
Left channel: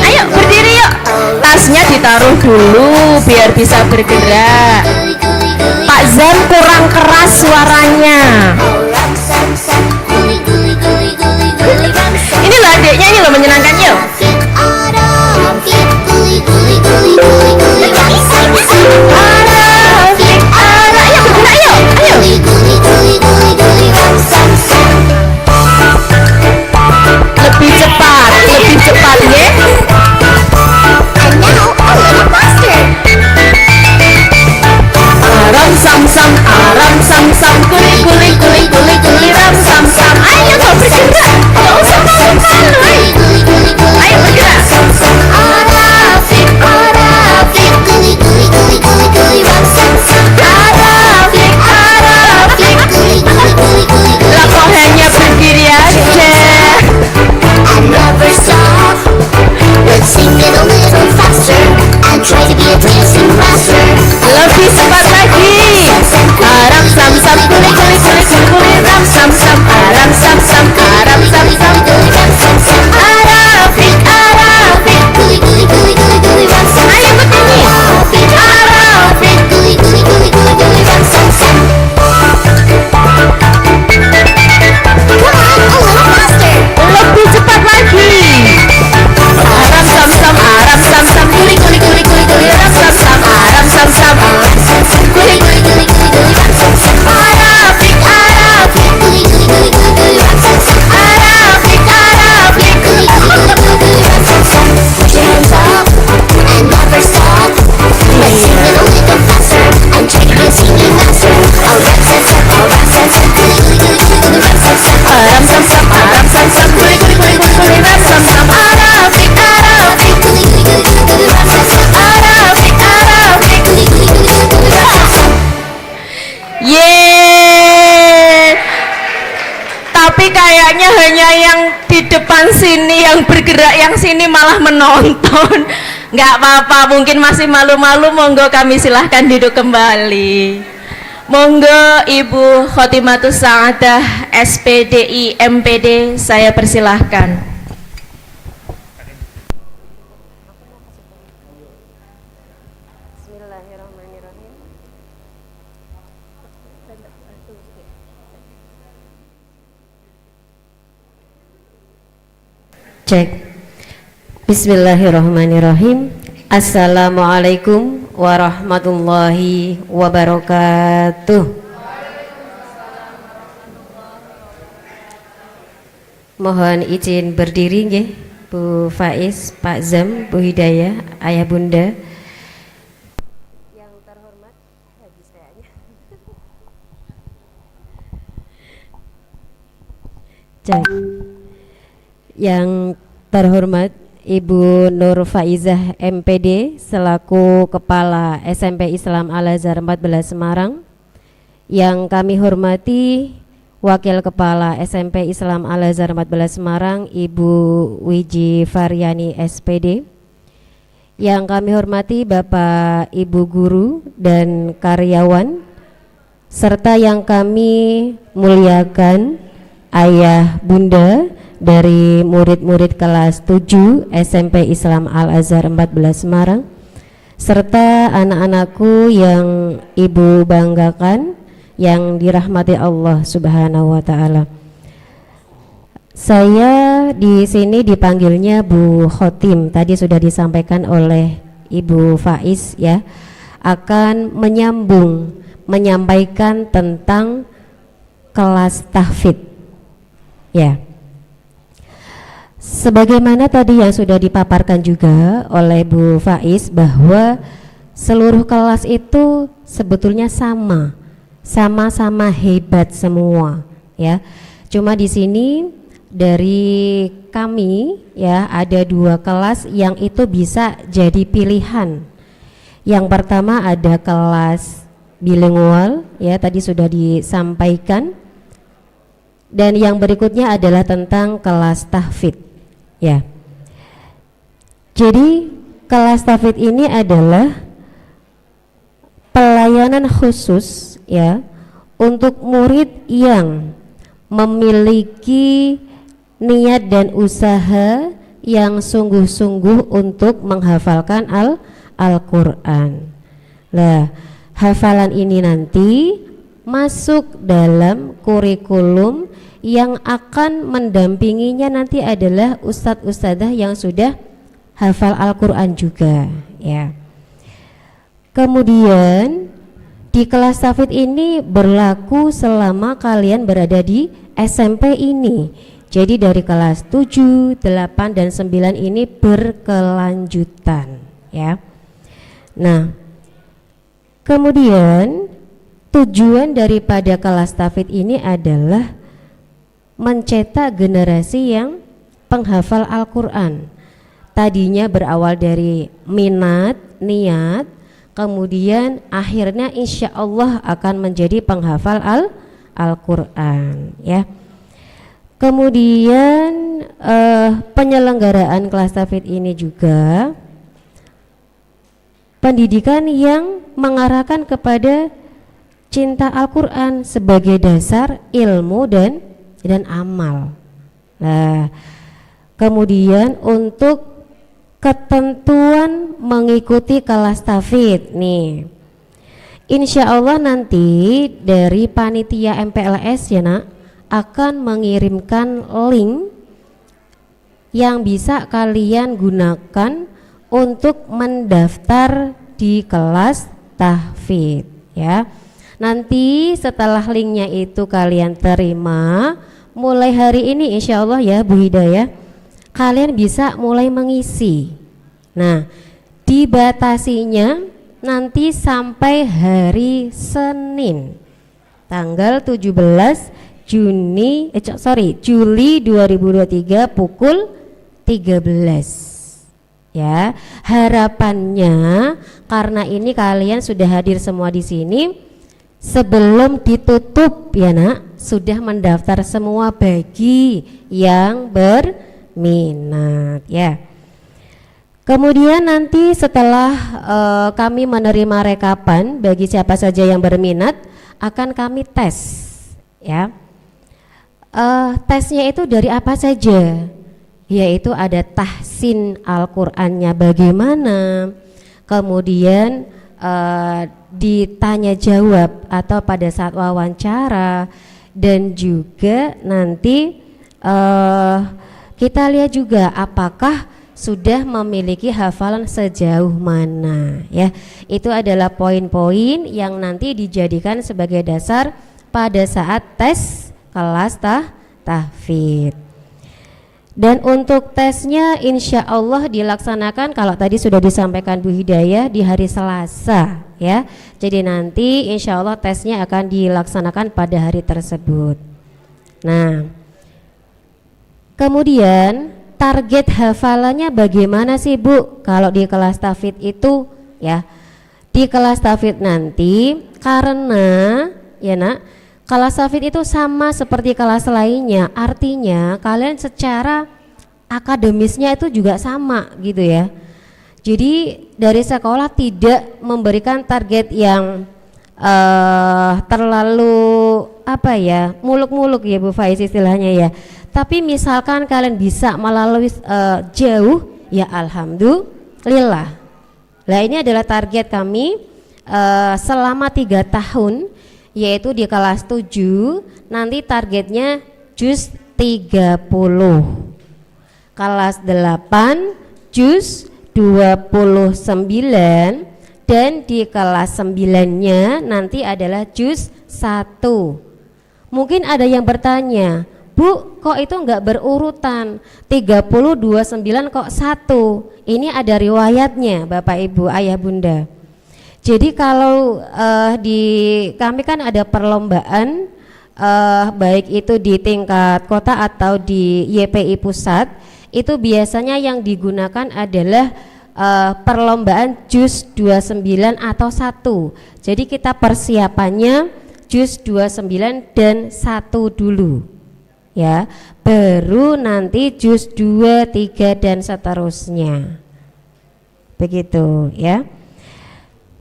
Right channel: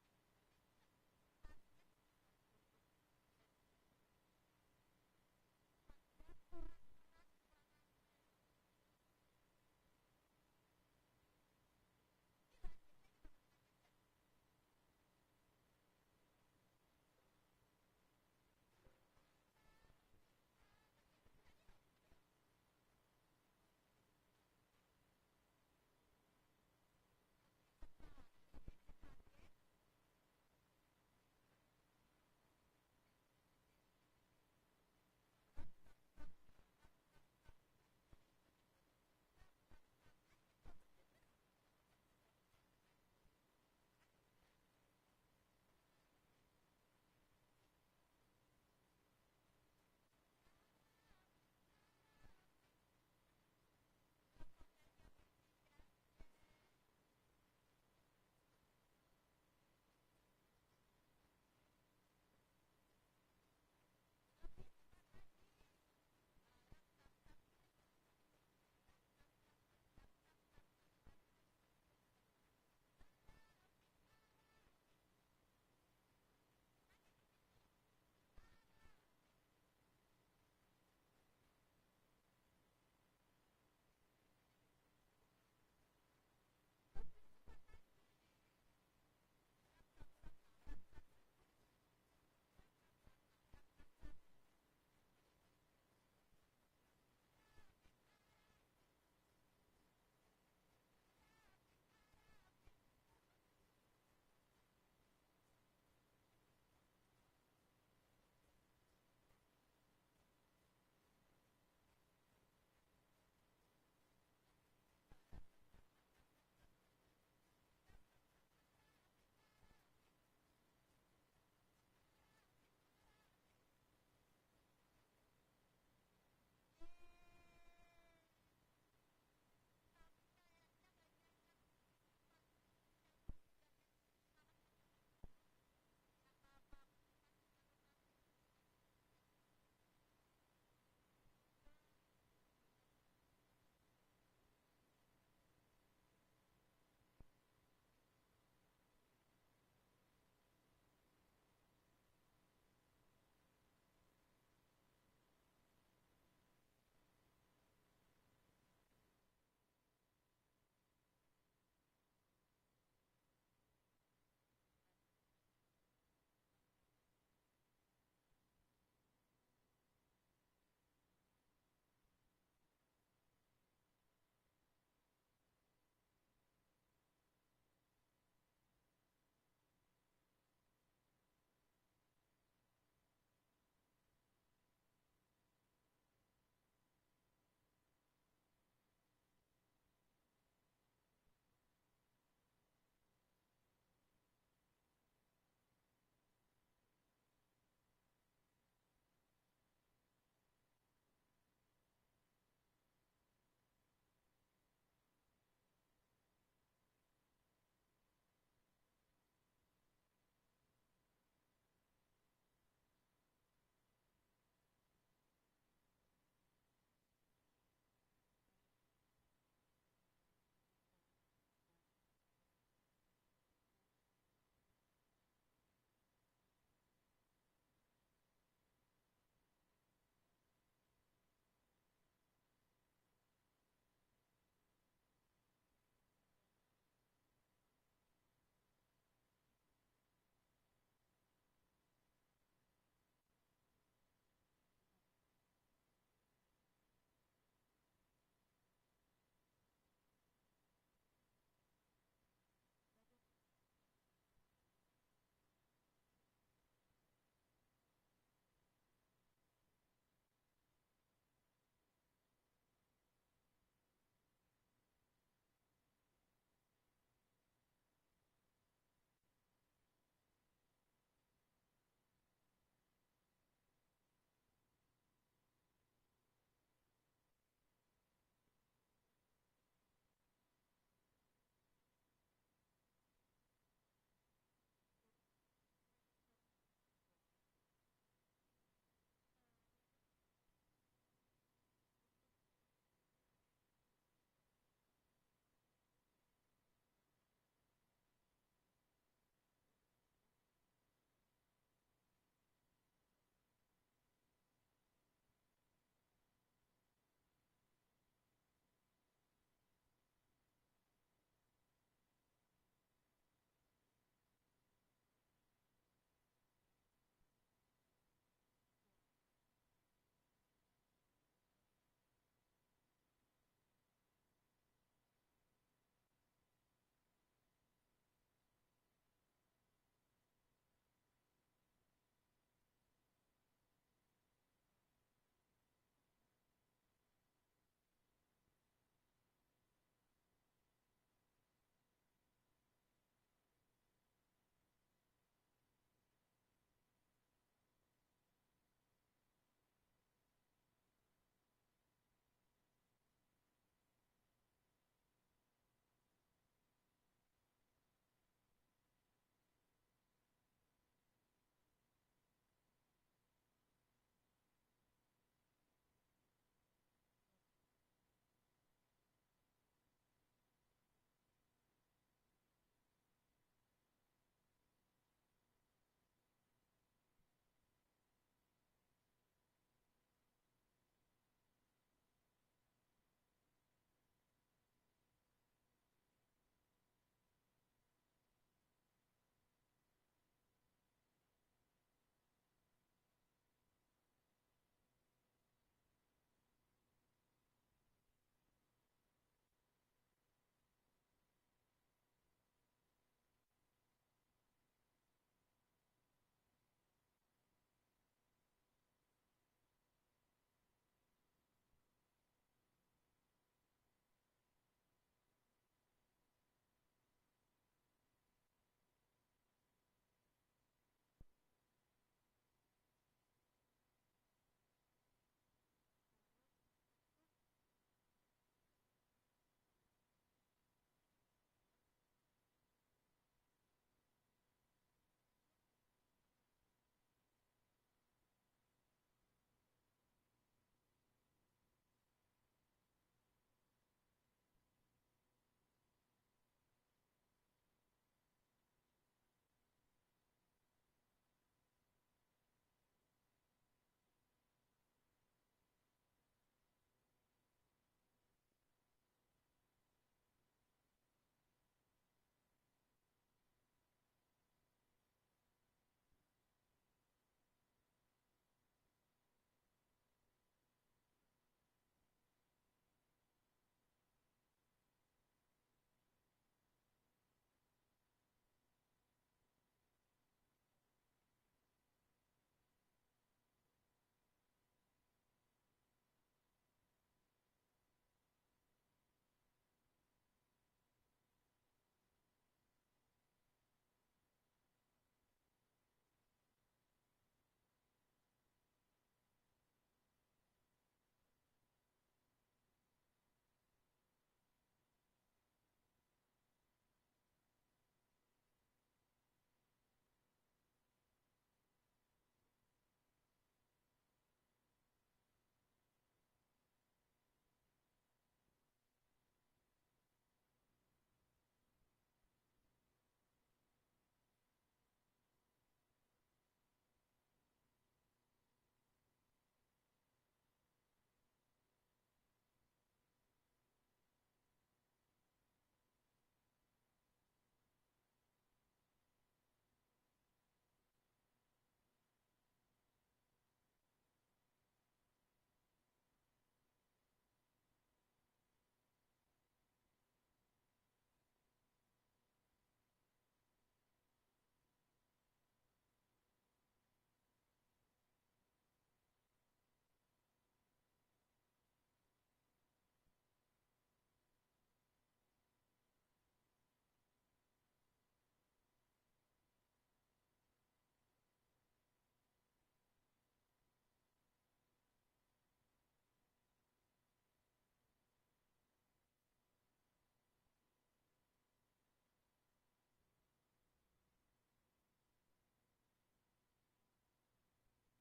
Ayo berdiri yuk. Tasnya ditaruh dulu biar bisa bergerak. Pak Zan kurang keras suaranya. Ini loh adiknya, ini loh menyenangkan yuk. Ayo bergerak yuk, ayo. Lebih cepat ya. Aram sam sam, aram sam sam, kuli kuli kuli kuli kuli ram sam sam. Ayo kau bergerak, nggak usah malu-malu. Ayo bergerak. Arafik, arafik, kuli kuli kuli kuli kuli ram sam sam. Arafik, arafik, kuli kuli kuli kuli. Lah kok hanya berdiri aja? I never stop. Let's sing it a little faster and try to be a dancing master. Lebih cepat lagi. Aram sam sam, kuli kuli kuli kuli kuli ram sam sam. Aram sam sam, aram sam sam, kuli ram sam sam. Arafik, arafik, Kuli kuli kuli kuli kuli ram sam. ayo ikut nyanyi. Arafik. Kuli kuli kuli kuli kuli ram sam sam. Come on, a little faster. Lebih cepat lagi. Aram sam sam, aram sam sam, kayaknya hanya yang di depan sini yang bergerak, yang sini malah menonton. Nggak apa-apa, mungkin masih malu-malu, monggo kami silahkan duduk kembali. Monggo Ibu Khotimatus Sa'adah SPDI MPD, saya persilahkan. Cek. Bismillahirrahmanirrahim. Assalamualaikum warahmatullahi wabarakatuh. Mohon izin berdiri nggih, Bu Faiz, Pak Zam, Bu Hidayah, Ayah Bunda. Yang terhormat habis kayaknya. Cek. Yang terhormat Ibu Nur Faizah MPD selaku Kepala SMP Islam Al-Azhar 14 Semarang. Yang kami hormati Wakil Kepala SMP Islam Al-Azhar 14 Semarang Ibu Wiji Faryani SPD. Yang kami hormati Bapak Ibu Guru dan karyawan, serta yang kami muliakan Ayah Bunda dari murid-murid kelas 7 SMP Islam Al-Azhar 14 Semarang, serta anak-anakku yang Ibu banggakan, yang dirahmati Allah Subhanahu wa taala. Saya di sini dipanggilnya Bu Khotim, tadi sudah disampaikan oleh Ibu Faiz ya, akan menyampaikan tentang kelas tahfidz ya. Sebagaimana tadi yang sudah dipaparkan juga oleh Bu Faiz, bahwa seluruh kelas itu sebetulnya sama-sama hebat semua ya. Cuma di sini dari kami ya ada 2 kelas yang itu bisa jadi pilihan. Yang pertama ada kelas bilingual ya, tadi sudah disampaikan. Dan yang berikutnya adalah tentang kelas tahfidz. Ya, jadi kelas tahfidz ini adalah pelayanan khusus ya untuk murid yang memiliki niat dan usaha yang sungguh-sungguh untuk menghafalkan Al-Quran. Nah, hafalan ini nanti masuk dalam kurikulum yang akan mendampinginya nanti adalah ustadz-ustadzah yang sudah hafal Al-Quran juga ya. Kemudian di kelas tahfidz ini berlaku selama kalian berada di SMP ini. Jadi dari kelas 7, 8, dan 9 ini berkelanjutan ya. Nah, kemudian tujuan daripada kelas tahfidz ini adalah mencetak generasi yang penghafal Al-Quran. Tadinya berawal dari minat, niat, kemudian akhirnya insya Allah akan menjadi penghafal Al-Quran ya. Kemudian penyelenggaraan kelas tahfidz ini juga pendidikan yang mengarahkan kepada cinta Al-Quran sebagai dasar ilmu dan amal. Nah, kemudian untuk ketentuan mengikuti kelas tahfidz nih, insya Allah nanti dari panitia MPLS ya nak akan mengirimkan link yang bisa kalian gunakan untuk mendaftar di kelas tahfidz ya. Nanti setelah linknya itu kalian terima, mulai hari ini insya Allah ya Bu Hidayah, kalian bisa mulai mengisi. Nah, dibatasinya nanti sampai hari Senin tanggal 17 Juli 2023 pukul 13 ya. Harapannya karena ini kalian sudah hadir semua di sini, sebelum ditutup ya nak, sudah mendaftar semua bagi yang berminat ya. Kemudian nanti setelah kami menerima rekapan bagi siapa saja yang berminat, akan kami tes ya. Tesnya itu dari apa saja? Yaitu ada tahsin Al-Qur'annya bagaimana, kemudian ditanya jawab atau pada saat wawancara, dan juga nanti kita lihat juga apakah sudah memiliki hafalan sejauh mana ya. Itu adalah poin-poin yang nanti dijadikan sebagai dasar pada saat tes kelas tahfidz. Dan untuk tesnya insya Allah dilaksanakan, kalau tadi sudah disampaikan Bu Hidayah, di hari Selasa ya. Jadi nanti insya Allah tesnya akan dilaksanakan pada hari tersebut. Nah, kemudian target hafalannya bagaimana sih Bu kalau di kelas tahfidz itu ya? Di kelas tahfidz nanti, karena ya nak, kelas tahfidz itu sama seperti kelas lainnya, artinya kalian secara akademisnya itu juga sama gitu ya. Jadi dari sekolah tidak memberikan target yang terlalu apa ya, muluk-muluk ya Bu Faiz istilahnya ya. Tapi misalkan kalian bisa melalui jauh, ya alhamdulillah. Nah ini adalah target kami selama 3 tahun, yaitu di kelas 7 nanti targetnya juz 30, kelas 8 juz 29, dan di kelas 9-nya nanti adalah juz 1. Mungkin ada yang bertanya, Bu, kok itu enggak berurutan? 30, 29 kok 1? Ini ada riwayatnya Bapak Ibu, Ayah Bunda. Jadi kalau di kami kan ada perlombaan baik itu di tingkat kota atau di YPI pusat, itu biasanya yang digunakan adalah perlombaan juz 29 atau 1. Jadi kita persiapannya juz 29 dan 1 dulu ya, baru nanti juz 2, 3 dan seterusnya, begitu ya.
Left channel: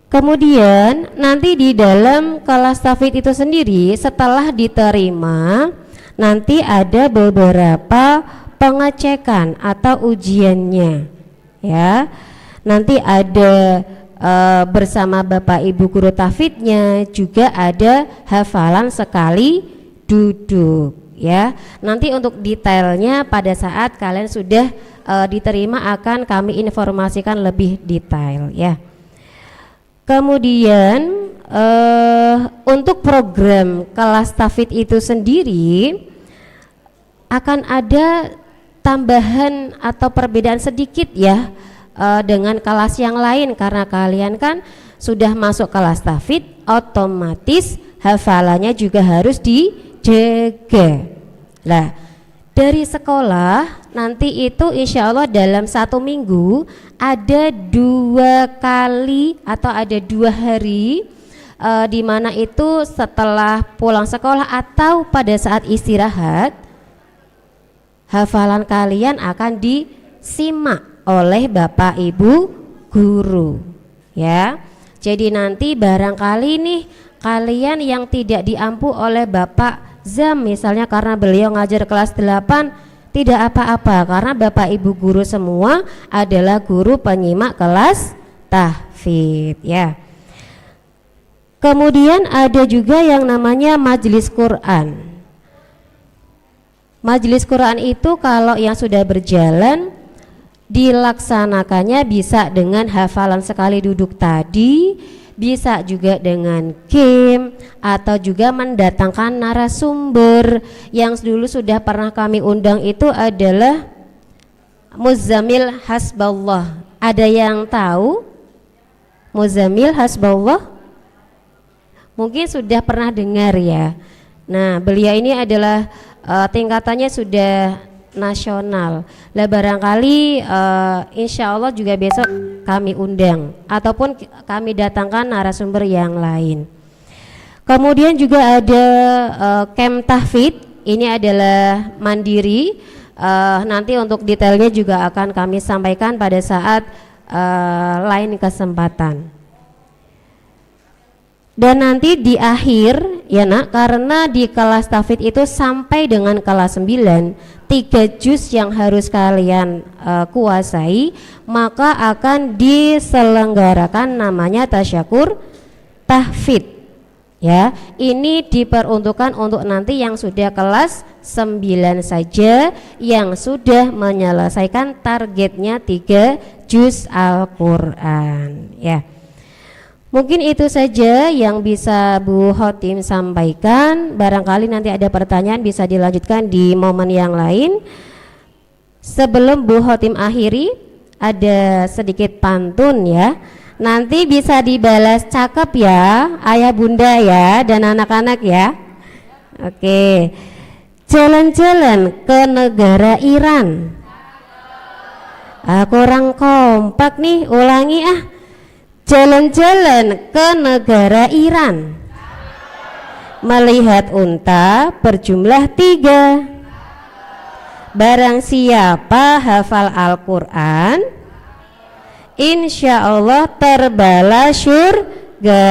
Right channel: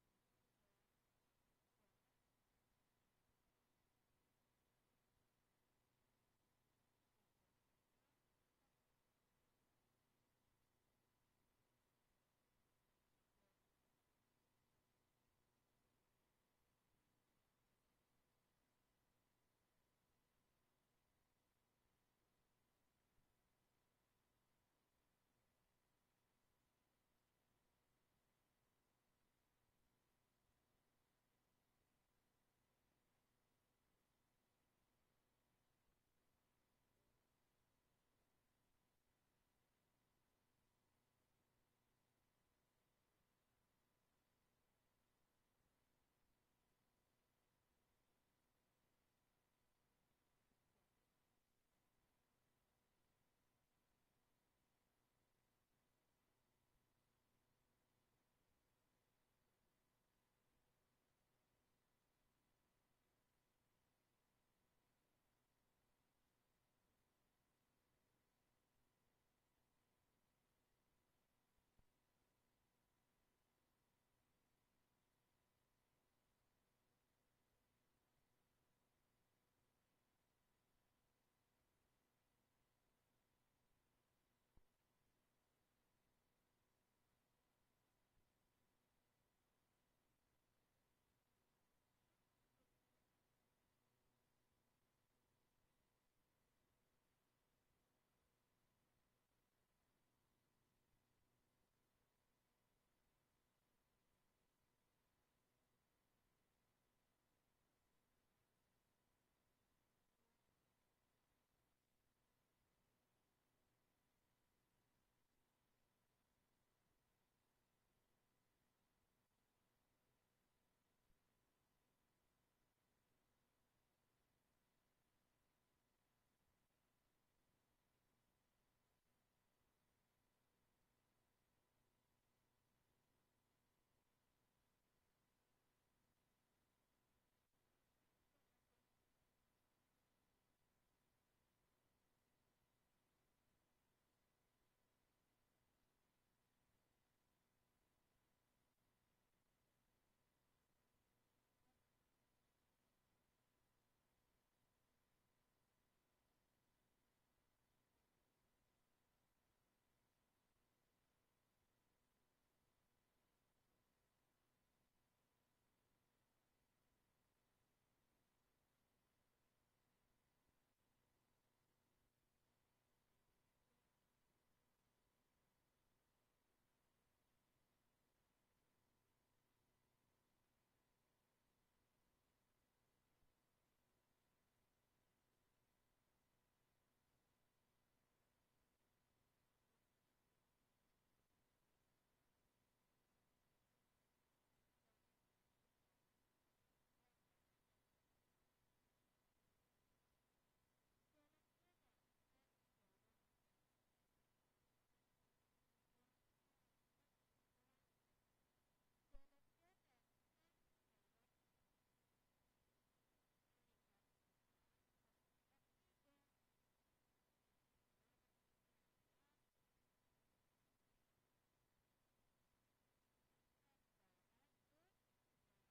Kemudian nanti di dalam kelas tahfidz itu sendiri setelah diterima nanti ada beberapa pengecekan atau ujiannya ya. Nanti ada bersama Bapak Ibu guru tahfidznya, juga ada hafalan sekali duduk ya. Nanti untuk detailnya pada saat kalian sudah diterima akan kami informasikan lebih detail ya. Kemudian untuk program kelas tahfidz itu sendiri akan ada tambahan atau perbedaan sedikit ya dengan kelas yang lain, karena kalian kan sudah masuk kelas tahfidz, otomatis hafalannya juga harus dijaga. Nah, dari sekolah nanti itu insya Allah dalam 1 minggu ada 2 kali atau ada 2 hari di mana itu setelah pulang sekolah atau pada saat istirahat, hafalan kalian akan disimak oleh Bapak Ibu guru ya. Jadi nanti barangkali nih kalian yang tidak diampu oleh Bapak Zam misalnya karena beliau ngajar kelas 8, tidak apa-apa, karena Bapak Ibu guru semua adalah guru penyimak kelas tahfidz ya. Kemudian ada juga yang namanya majelis Quran. Majelis Quran itu kalau yang sudah berjalan dilaksanakannya bisa dengan hafalan sekali duduk tadi, bisa juga dengan game, atau juga mendatangkan narasumber. Yang dulu sudah pernah kami undang itu adalah Muzammil Hasballah. Ada yang tahu Muzammil Hasballah? Mungkin sudah pernah dengar ya. Nah, beliau ini adalah tingkatannya sudah nasional. Lah barangkali insya Allah juga besok kami undang ataupun kami datangkan narasumber yang lain. Kemudian juga ada camp tahfidz, ini adalah mandiri. Nanti untuk detailnya juga akan kami sampaikan pada saat lain kesempatan. Dan nanti di akhir ya nak, karena di kelas tahfidz itu sampai dengan kelas 9 3 juz yang harus kalian kuasai, maka akan diselenggarakan namanya tasyakur tahfidz. Ya, ini diperuntukkan untuk nanti yang sudah kelas 9 saja, yang sudah menyelesaikan targetnya 3 juz Al-Quran. Ya, mungkin itu saja yang bisa Bu Khotim sampaikan. Barangkali nanti ada pertanyaan bisa dilanjutkan di momen yang lain. Sebelum Bu Khotim akhiri, ada sedikit pantun ya. Nanti bisa dibalas cakep ya, ayah bunda ya, dan anak-anak ya. Oke, jalan-jalan ke negara Iran. Kurang kompak nih, ulangi ah. Jalan-jalan ke negara Iran, melihat unta berjumlah 3. Barang siapa hafal Al-Quran, insya Allah terbalas surga.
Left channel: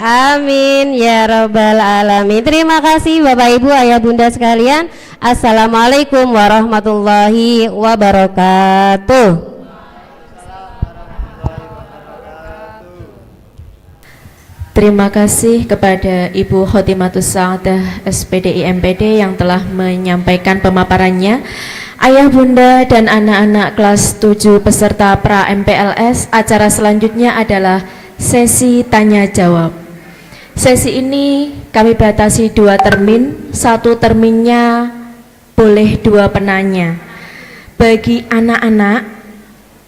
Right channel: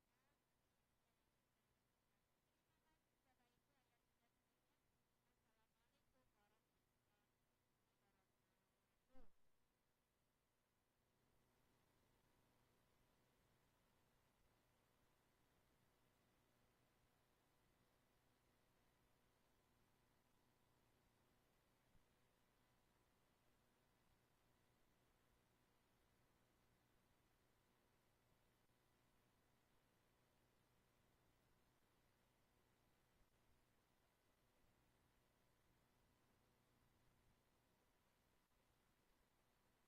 Amin ya rabbal alamin. Terima kasih Bapak Ibu ayah bunda sekalian. Assalamualaikum warahmatullahi wabarakatuh. Terima kasih kepada Ibu Khotimatus Sa'adah SPDI MPD yang telah menyampaikan pemaparannya. Ayah bunda dan anak-anak kelas 7 peserta pra MPLS, acara selanjutnya adalah sesi tanya jawab. Sesi ini kami batasi 2 termin, 1 terminnya boleh 2 penanya. Bagi anak-anak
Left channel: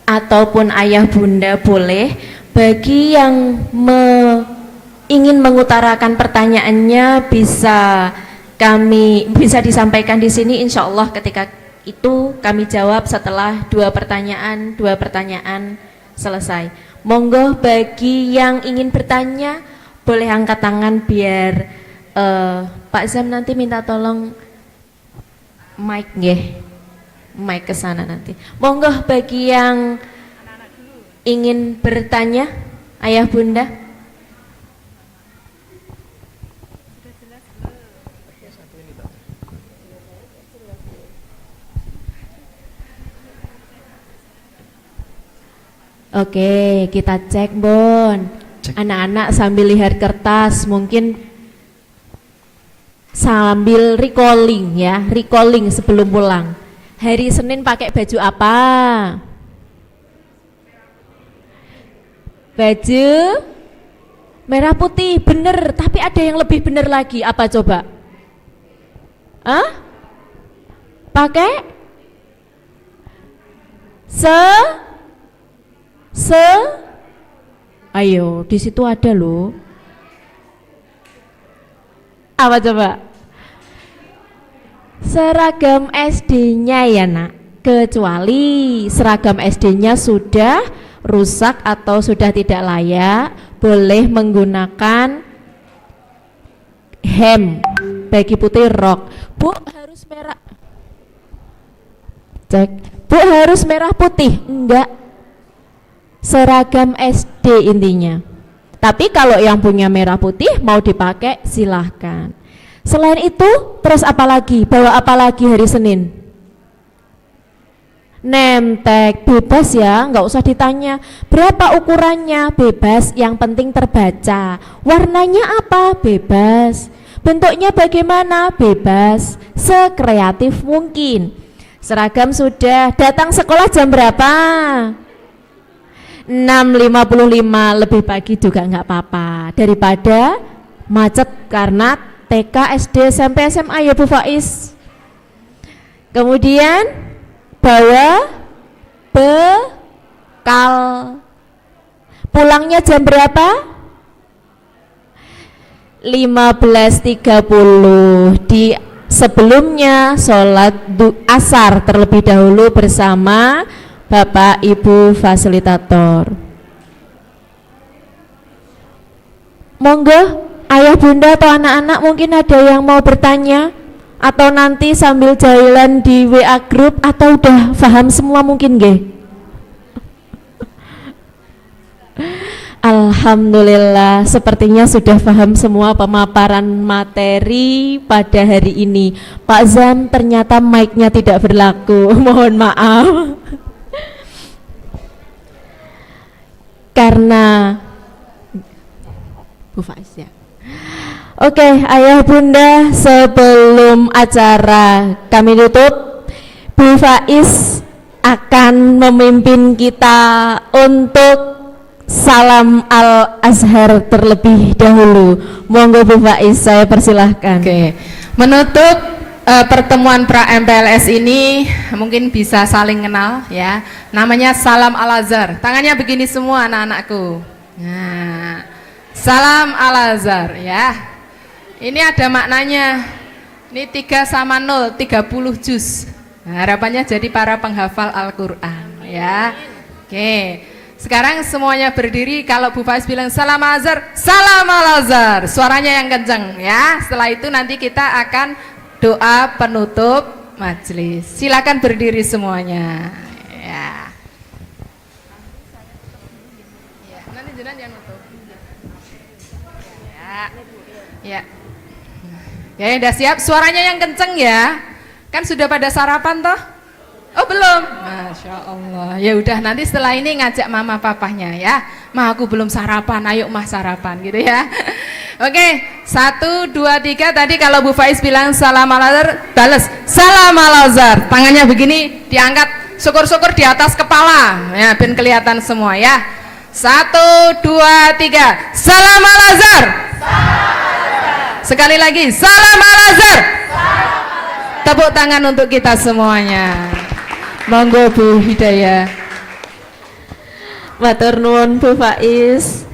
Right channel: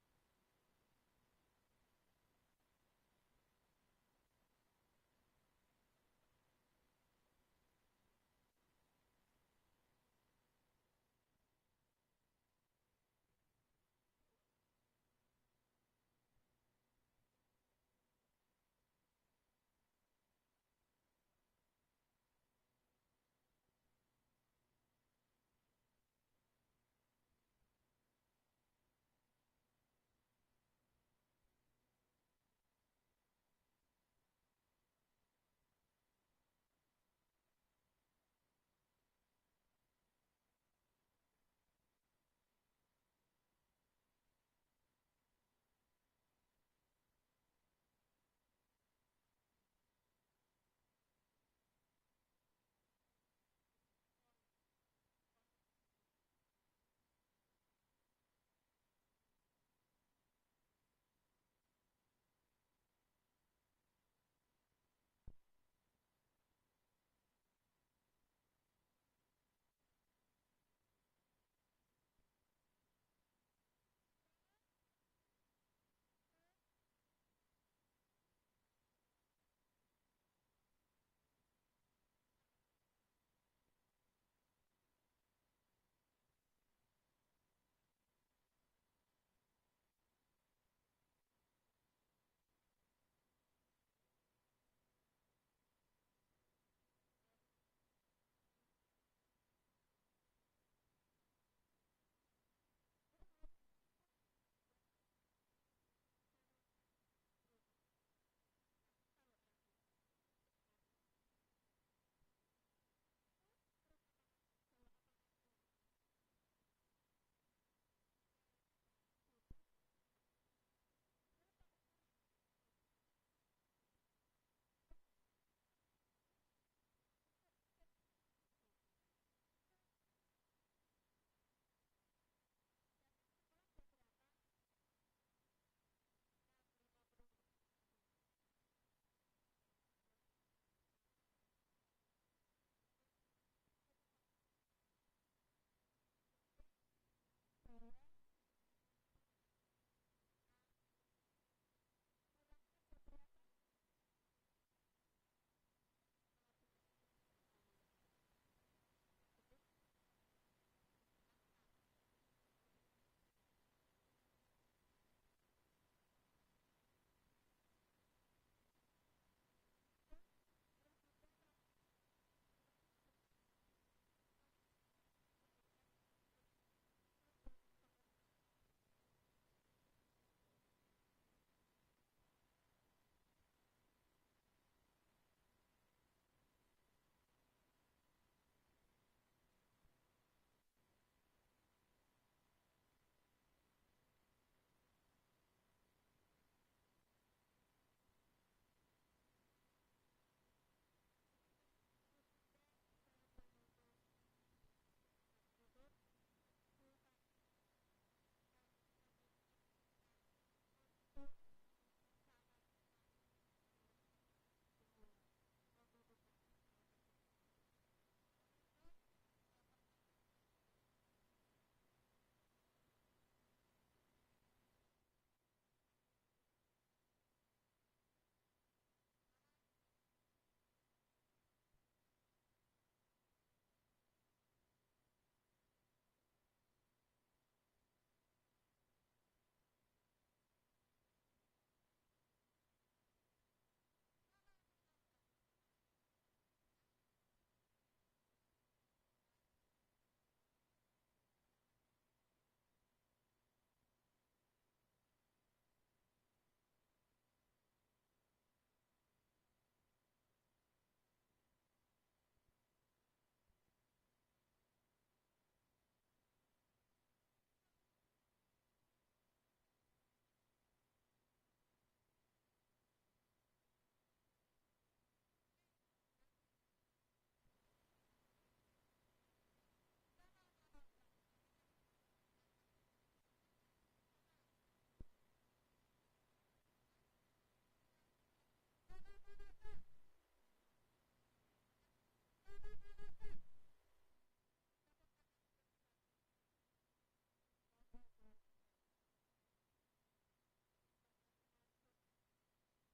ataupun ayah bunda boleh, bagi yang ingin mengutarakan pertanyaannya bisa disampaikan di sini, insya Allah ketika itu kami jawab setelah 2 pertanyaan selesai. Monggo bagi yang ingin bertanya boleh angkat tangan biar Pak Zam nanti minta tolong mic nggih. Mic ke sana nanti. Monggo bagi yang ingin bertanya, ayah bunda. Oke, kita cek Bon. Anak-anak sambil lihat kertas, mungkin sambil recalling ya, recalling sebelum pulang. Hari Senin pakai baju apa? Baju merah putih, bener. Tapi ada yang lebih bener lagi, apa coba? Pakai ayo, di situ ada loh. Apa coba? Seragam SD-nya ya nak. Kecuali seragam SD-nya sudah rusak atau sudah tidak layak, boleh menggunakan hem, bagi putih rok. Bu harus merah. Cek. Bu harus merah putih? Enggak. Seragam SD intinya. Tapi kalau yang punya merah putih mau dipakai silahkan. Selain itu terus apa lagi? Bawa apa lagi hari Senin? Nemtek, bebas ya, nggak usah ditanya berapa ukurannya, bebas, yang penting terbaca. Warnanya apa? Bebas. Bentuknya bagaimana? Bebas. Sekreatif mungkin. Seragam sudah, datang sekolah jam berapa? 6.55, lebih pagi juga nggak apa-apa daripada macet karena TK, SD, SMP, SMA ya Bu Faiz. Kemudian bawa bekal. Pulangnya jam berapa? 15.30. Di sebelumnya sholat asar terlebih dahulu bersama Bapak Ibu fasilitator. Monggo ayah ayah bunda atau anak-anak mungkin ada yang mau bertanya atau nanti sambil jalan di WA group atau udah paham semua mungkin nggih? Alhamdulillah, sepertinya sudah paham semua pemaparan materi pada hari ini. Pak Zam, ternyata mic-nya tidak berlaku. Mohon maaf. Karena Bu Faiz ya. Oke, ayah bunda, sebelum acara kami tutup, Bu Faiz akan memimpin kita untuk salam Al-Azhar terlebih dahulu. Monggo Bu Faiz, saya persilahkan. Oke, menutup pertemuan pra MPLS ini mungkin bisa saling kenal ya. Namanya salam Al-Azhar. Tangannya begini semua anak-anakku. Nah, salam Al-Azhar ya. Ini ada maknanya. Ini 3 sama 0, 30 juz. Nah, harapannya jadi para penghafal Al-Qur'an ya. Oke. Sekarang semuanya berdiri, kalau Bu Faiz bilang salam Al-Azhar, salam Al-Azhar. Suaranya yang kencang ya. Setelah itu nanti kita akan doa penutup majelis. Silakan berdiri semuanya. Ya. Nanti jenengan yang nutup. Ya. Ya. Ya, udah siap? Suaranya yang kenceng ya. Kan sudah pada sarapan toh? Oh belum? Masya Allah. Ya udah, nanti setelah ini ngajak mama papahnya ya. Ma, aku belum sarapan, ayo mah sarapan gitu ya. Oke, 1, 2, 3. Tadi kalau Bu Faiz bilang salam Al-Azhar, balas salam Al-Azhar. Tangannya begini, diangkat, syukur-syukur di atas kepala. Ya, ben kelihatan semua ya. 1, 2, 3. Salam Al-Azhar. Sekali lagi, salam Al-Azhar. Tepuk tangan untuk kita semuanya. Monggo Bu Hidayah. Matur nuwun Bu Faiz.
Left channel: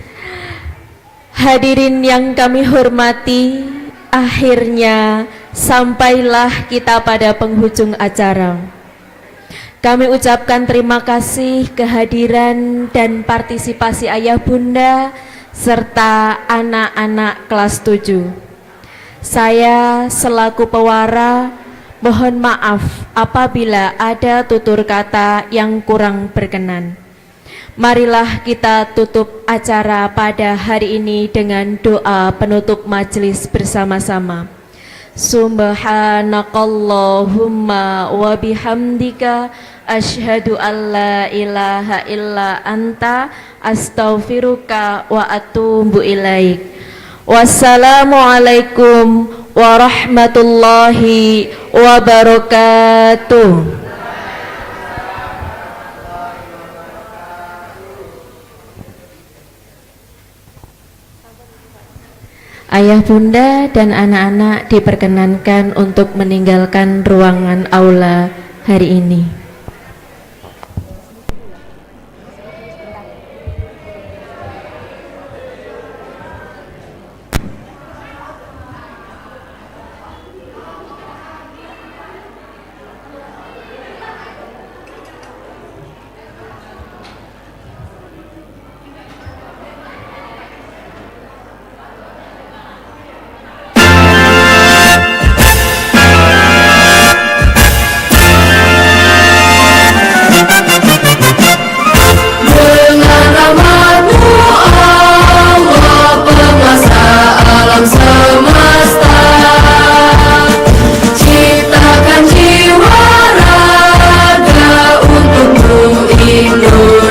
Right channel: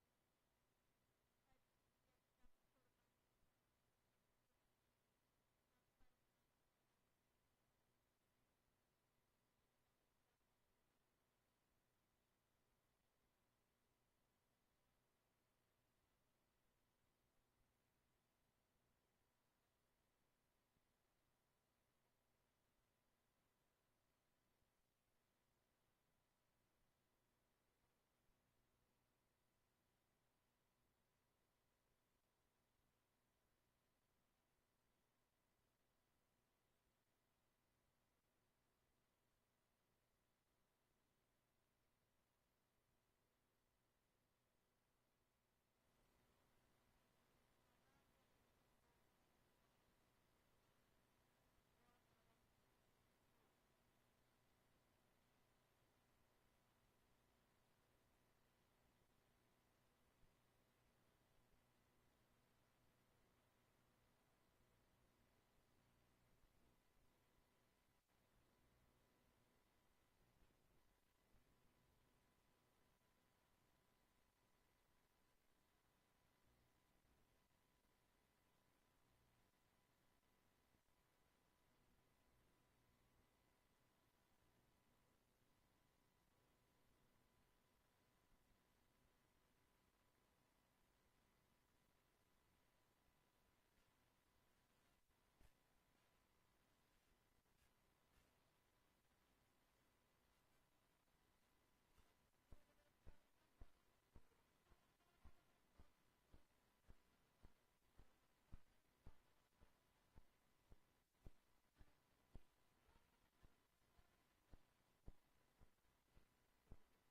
Hadirin yang kami hormati, akhirnya sampailah kita pada penghujung acara. Kami ucapkan terima kasih kehadiran dan partisipasi ayah bunda serta anak-anak kelas 7. Saya selaku pewara mohon maaf apabila ada tutur kata yang kurang berkenan. Marilah kita tutup acara pada hari ini dengan doa penutup majelis bersama-sama. Subhanakallahumma wa bihamdika asyhadu an la ilaha illa anta astaghfiruka wa atubu ilaik. Wassalamualaikum warahmatullahi wabarakatuh. Ayah bunda dan anak-anak diperkenankan untuk meninggalkan ruangan aula hari ini. Dengan rahmat-Mu Allah penguasa alam semesta, ciptakan jiwa raga untukmu Indonesia.